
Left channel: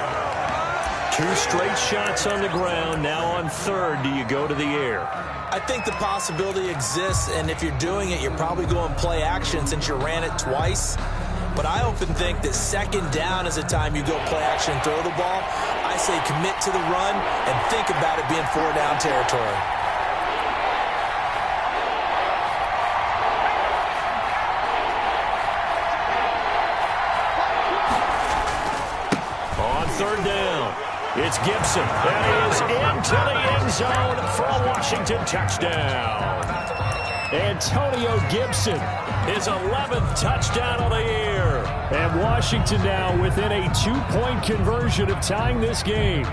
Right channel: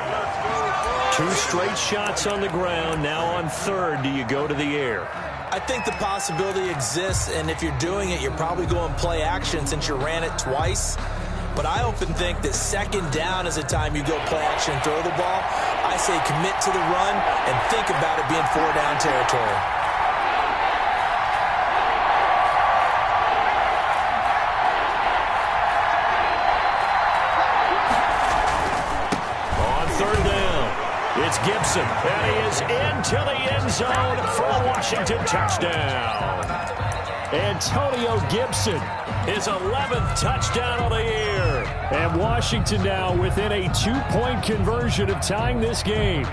2 straight shots on the ground. Now on 3rd, do you go to the air? I think the possibility exists, and if you're doing it, you're probably going play action since you ran it twice. But I often think that 2nd down is the time you go play action and throw the ball. I say commit to the run and think about it being 4-down territory. On 3rd down, it's Gibson. And he is into the end zone for a Washington touchdown. Antonio Gibson, his 11th touchdown of the year. And Washington now within a 2-point conversion of tying this game.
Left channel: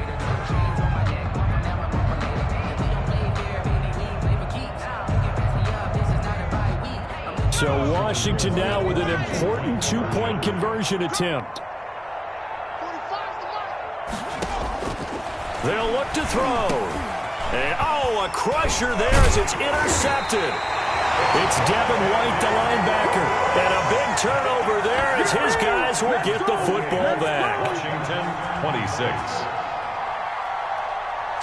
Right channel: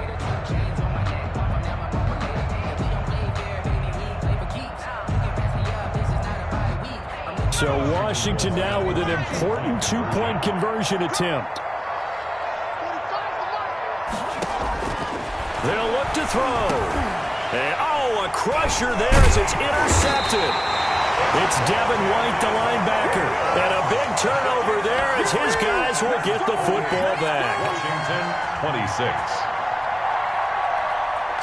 So Washington now with an important 2-point conversion attempt. They'll look to throw. And, a crusher there as it's intercepted. It's Devin White, the linebacker. And a big turnover there as his guys will get the football back. Washington, 26.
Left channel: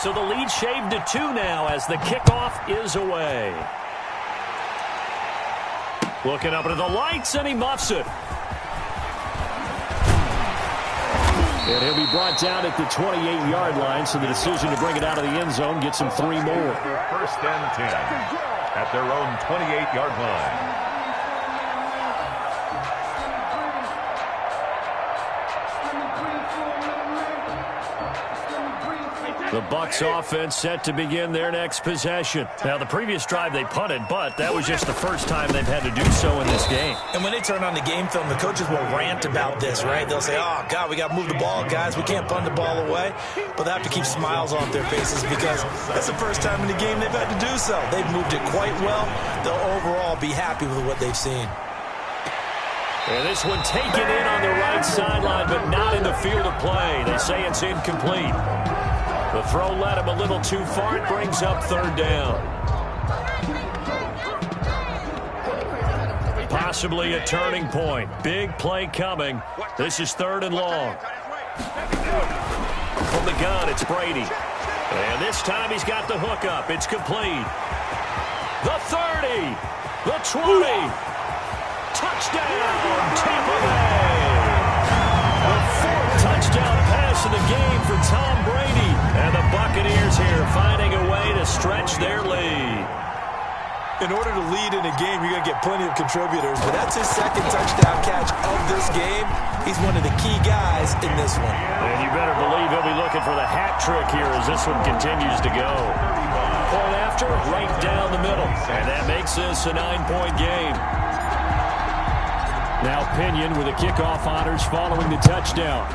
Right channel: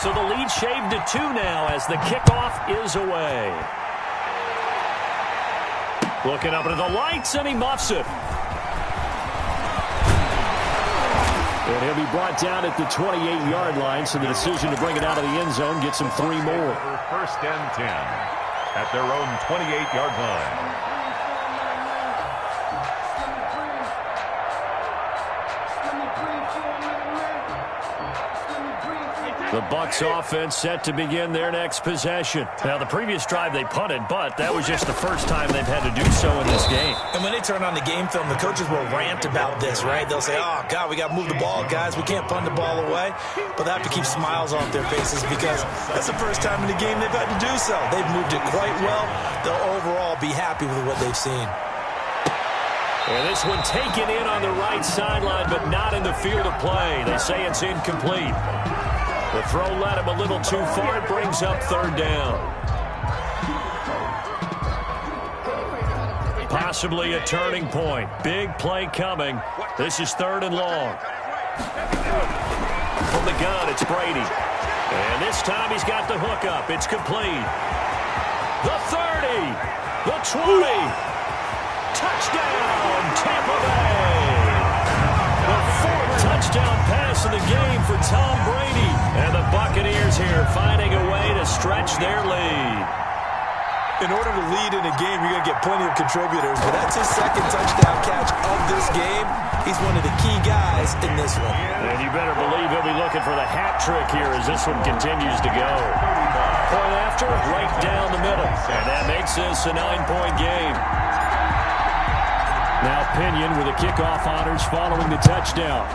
So the lead shaved to 2 now as the kickoff is away. Looking up into the lights, and he muffs it. And he'll be brought down at the 28-yard line, so the decision to bring it out of the end zone gets him 3 more. 1st and 10 at their own 28-yard line. The Bucs offense set to begin their next possession. Now, the previous drive they punted, but that was just the first time they've had to do so in this game. And when they turn on the game film, the coaches will rant about this, right? They'll say, oh, God, we got to move the ball, guys. We can't punt the ball away. But they have to keep smiles off their faces because that's the first time in the game they've had to do so. They've moved it quite well. They'll overall be happy with what they've seen. And this one taken in on the right sideline, but not in the field of play. They say it's incomplete. The throw led him a little too far. It brings up 3rd down. Possibly a turning point. Big play coming. This is 3rd and long. From the gun, it's Brady. And this time he's got the hook up. It's complete. The 30. The 20. Touchdown, Tampa Bay. The fourth touchdown pass of the game for Tom Brady. And the Buccaneers here finding a way to stretch their lead. In order to lead in a game, you're going to get plenty of contributors, but that's his second touchdown catch of this game. He's one of the key guys in this one. And you better believe he'll be looking for the hat trick here as this one continues to go. Point after, right down the middle. And that makes this a 9-point game. Now Pinion with the kickoff honors following the touchdown.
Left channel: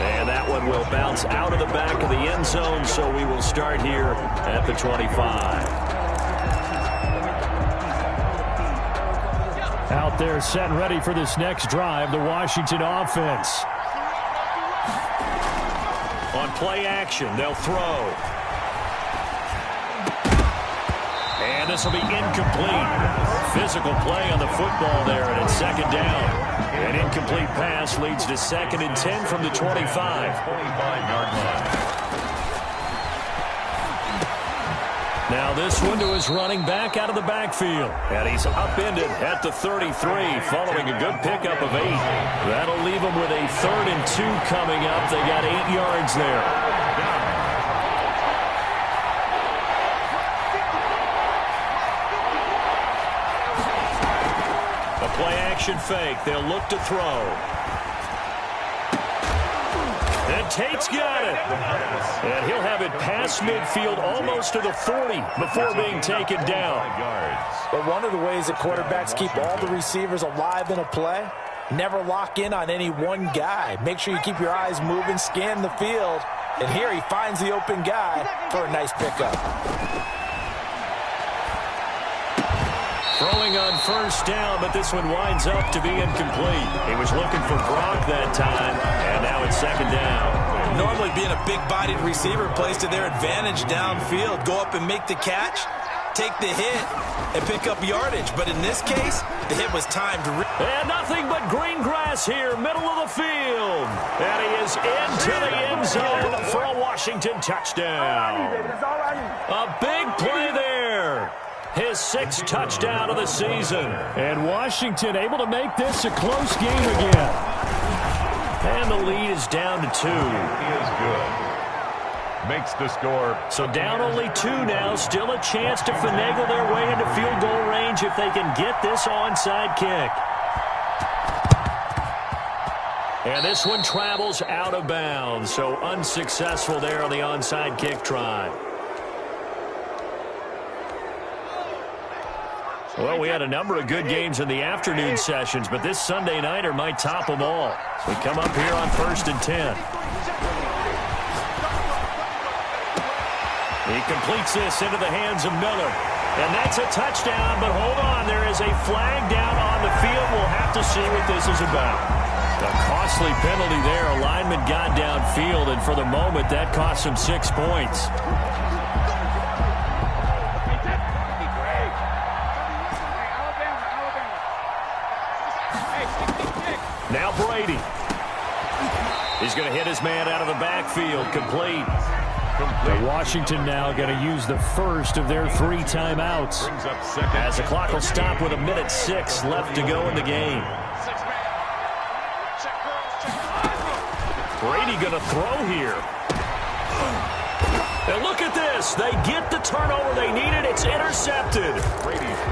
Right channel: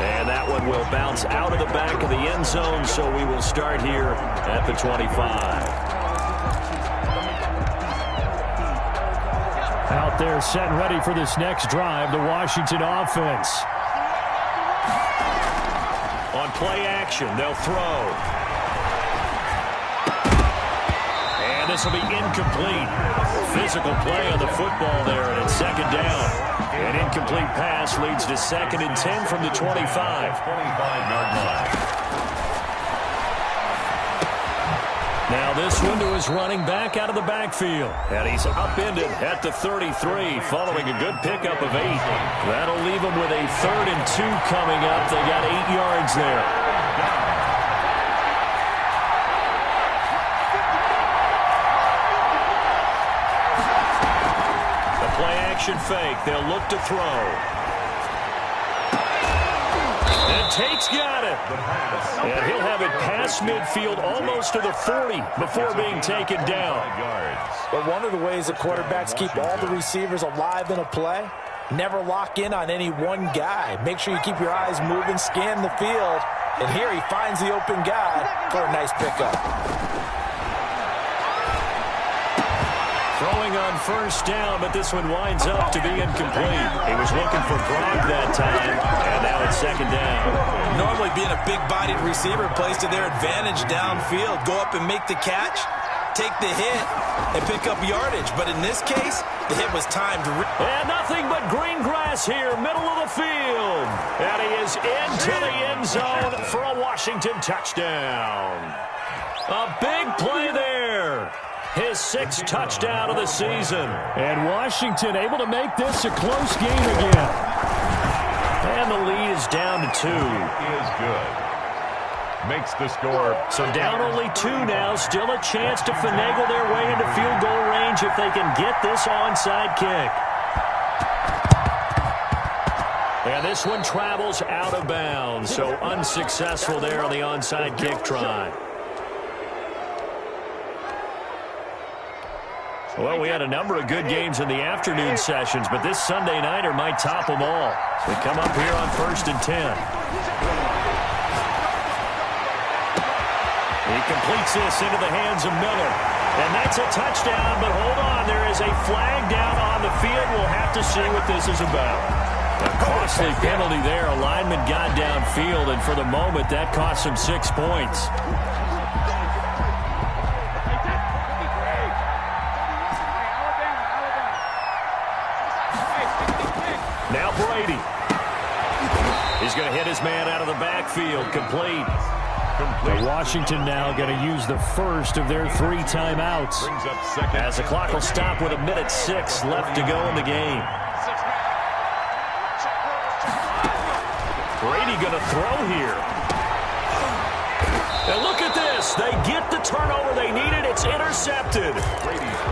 And that one will bounce out of the back of the end zone, so we will start here at the 25. Out there set and ready for this next drive, the Washington offense. On play action, they'll throw. And this will be incomplete. Physical play on the football there, and it's second down. An incomplete pass leads to 2nd and 10 from the 25. 25-yard line. Now this one to his running back out of the backfield. And he's upended at the 33 following a good pickup of 8. That'll leave him with a 3rd and 2 coming up. They got 8 yards there. Play action fake. They'll look to throw. And Tate's got it. And he'll have it past midfield almost to the 40 before being taken down. But one of the ways that quarterbacks keep all the receivers alive in a play, never lock in on any one guy. Make sure you keep your eyes moving, scan the field. And here he finds the open guy for a nice pickup. Throwing on first down, but this one winds up to be incomplete. He was looking for Gronk that time, and now it's 2nd down. Normally being a big-bodied receiver plays to their advantage downfield. Go up and make the catch, take the hit, and pick up yardage. But in this case, the hit was timed. And nothing but green grass here, middle of the field. And he is into the end zone for a Washington touchdown. A big play there. His 6th touchdown of the season. And Washington able to make this a close game again. And the lead is down to 2. Is good. Makes the score. So down only 2 now. Still a chance to finagle their way into field goal range if they can get this onside kick. And this one travels out of bounds. So unsuccessful there on the onside kick try. Well, we had a number of good games in the afternoon sessions, but this Sunday nighter might top them all. We come up here on 1st and 10. He completes this into the hands of Miller. And that's a touchdown, but hold on. There is a flag down on the field. We'll have to see what this is about. A costly penalty there. A lineman got downfield, and for the moment, that cost him 6 points. Now Brady. He's going to hit his man out of the backfield. Complete. The Washington now going to use the first of their 3 timeouts. As the clock will stop with 1:06 left to go in the game. Brady going to throw here. And look at this. They get the turnover they needed. It's intercepted.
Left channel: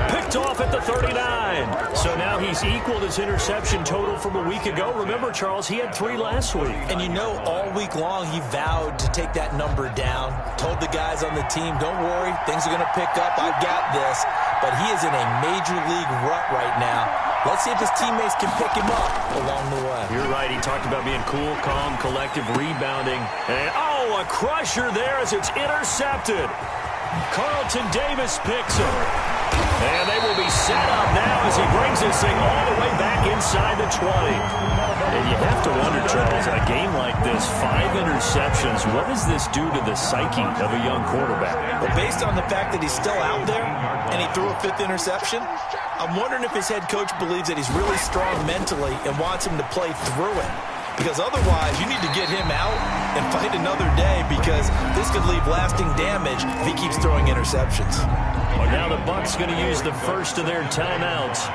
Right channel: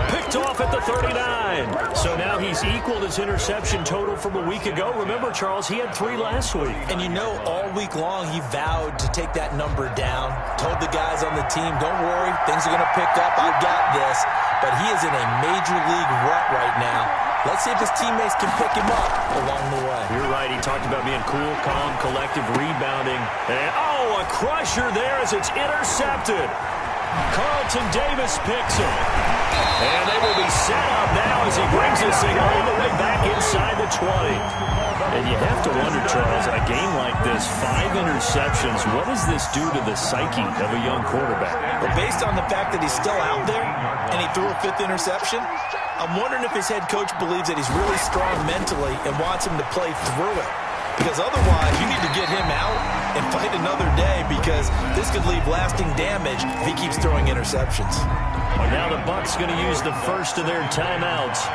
Picked off at the 39. So now he's equaled his interception total from a week ago. Remember, Charles, he had 3 last week. And you know, all week long he vowed to take that number down. Told the guys on the team, don't worry, things are going to pick up. I've got this. But he is in a major league rut right now. Let's see if his teammates can pick him up along the way. You're right. He talked about being cool, calm, collective, rebounding. And, oh, a crusher there as it's intercepted. Carlton Davis picks him. And they will be set up now as he brings this thing all the way back inside the 20. And you have to wonder, Charles, in a game like this, 5 interceptions, what does this do to the psyche of a young quarterback? Well, based on the fact that he's still out there and he threw a 5th interception, I'm wondering if his head coach believes that he's really strong mentally and wants him to play through it. because otherwise you need to get him out and fight another day, because this could leave lasting damage if he keeps throwing interceptions. Well, now the Bucs going to use the first of their timeouts.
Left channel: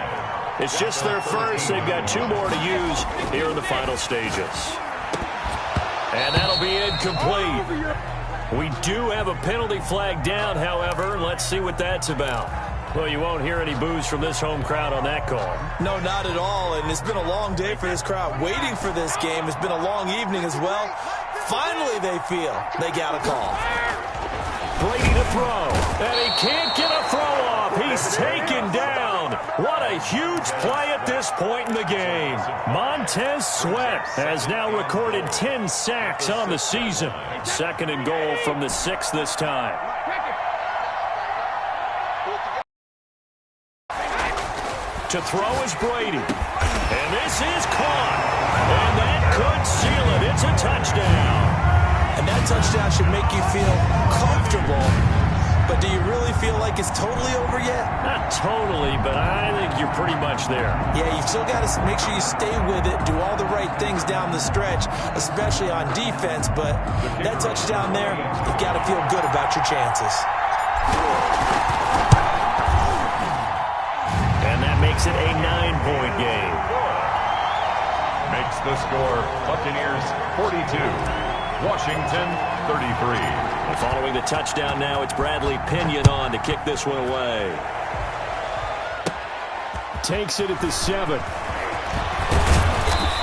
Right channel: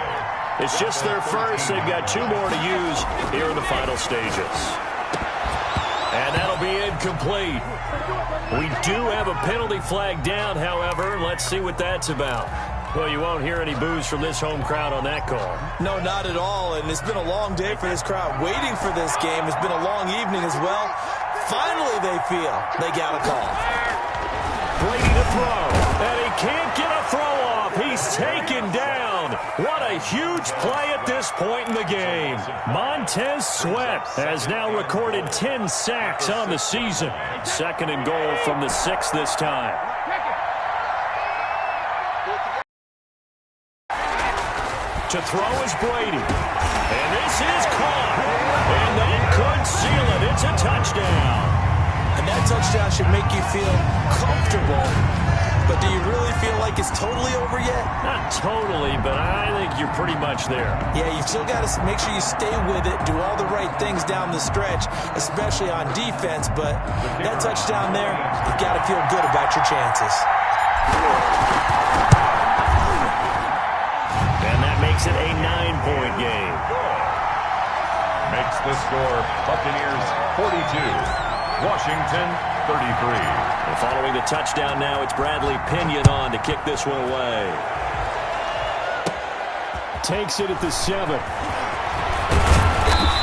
It's just their first. They've got 2 more to use here in the final stages. And that'll be incomplete. We do have a penalty flag down, however. Let's see what that's about. Well, you won't hear any boos from this home crowd on that call. No, not at all, and it's been a long day for this crowd waiting for this game. It's been a long evening as well. Finally, they feel they got a call. Brady to throw, and he can't get a throw off. He's taken down. What a huge play at this point in the game. Montez Sweat has now recorded 10 sacks on the season. 2nd and goal from the 6 this time. To throw is Brady. And this is caught. And that could seal it. It's a touchdown. And that touchdown should make you feel comfortable. But do you really feel like it's totally over yet? Not totally, but I think you're pretty much there. Yeah, you still got to make sure you stay with it, do all the right things down the stretch, especially on defense. But that touchdown there, you've got to feel good about your chances. And that makes it a 9-point game. Makes the score Buccaneers 42, Washington 33. And following the touchdown now, it's Bradley Pinion on to kick this one away. Takes it at the 7.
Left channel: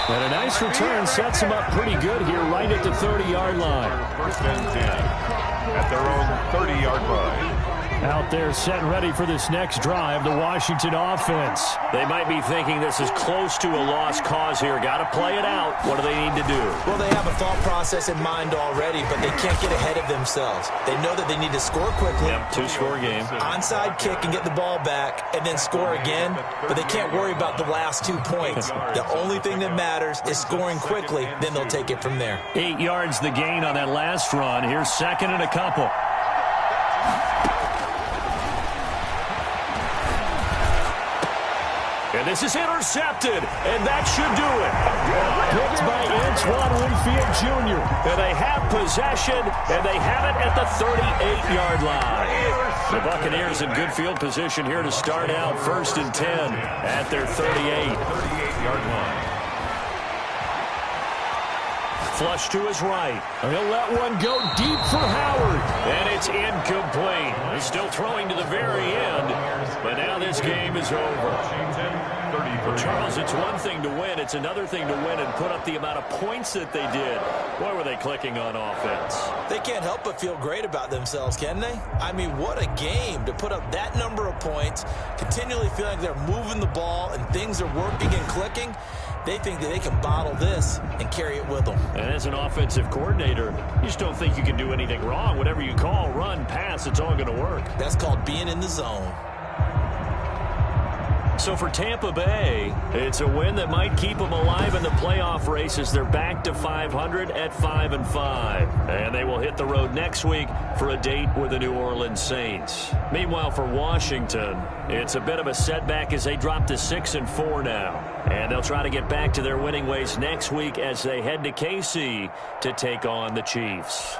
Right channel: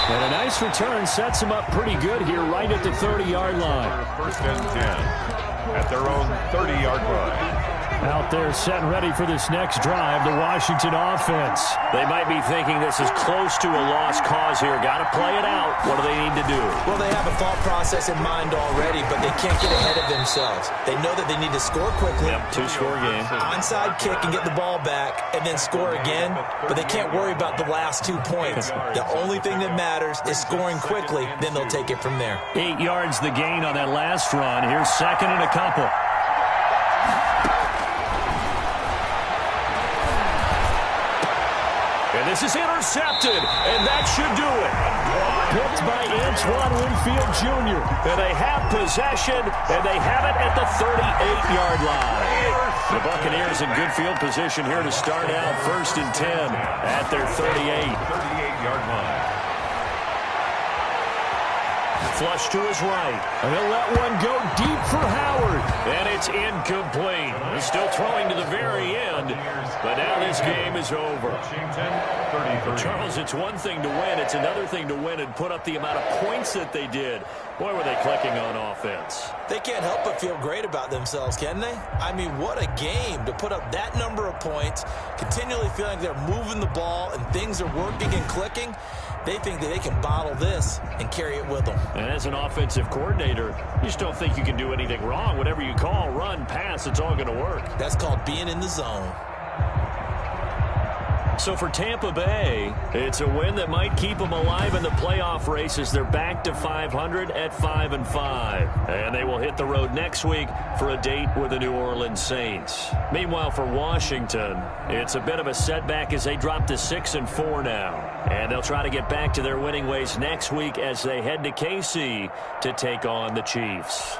And a nice return sets him up pretty good here right at the 30-yard line. 1st and 10 at their own 30-yard line. Out there set and ready for this next drive, the Washington offense. They might be thinking this is close to a lost cause here. Got to play it out. What do they need to do? Well, they have a thought process in mind already, but they can't get ahead of themselves. They know that they need to score quickly. Yep, 2-score game. Onside kick and get the ball back and then score again, but they can't worry about the last 2 points. The only thing that matters is scoring quickly, then they'll take it from there. 8 yards the gain on that last run. Here's 2nd and a couple. And this is intercepted, and that should do it. Picked by Antoine Winfield Jr. And they have possession, and they have it at the 38-yard line. The Buccaneers in good field position here to start out 1st and 10 at their 38-yard line. Flush to his right. He'll let one go deep for Howard. And it's incomplete. He's still throwing to the very end, but now this game is over. Charles, it's one thing to win. It's another thing to win and put up the amount of points that they did. Boy, were they clicking on offense. They can't help but feel great about themselves, can they? I mean, what a game to put up that number of points, continually feeling like they're moving the ball and things are working and clicking. They think that they can bottle this and carry it with them. And as an offensive coordinator, you just don't think you can do anything wrong. Whatever you call, run, pass, it's all going to work. That's called being in the zone. So for Tampa Bay, it's a win that might keep them alive in the playoff race as they're back to 500 at 5-5. And they will hit the road next week for a date with the New Orleans Saints. Meanwhile, for Washington, it's a bit of a setback as they drop to 6-4 now. And they'll try to get back to their winning ways next week as they head to KC to take on the Chiefs.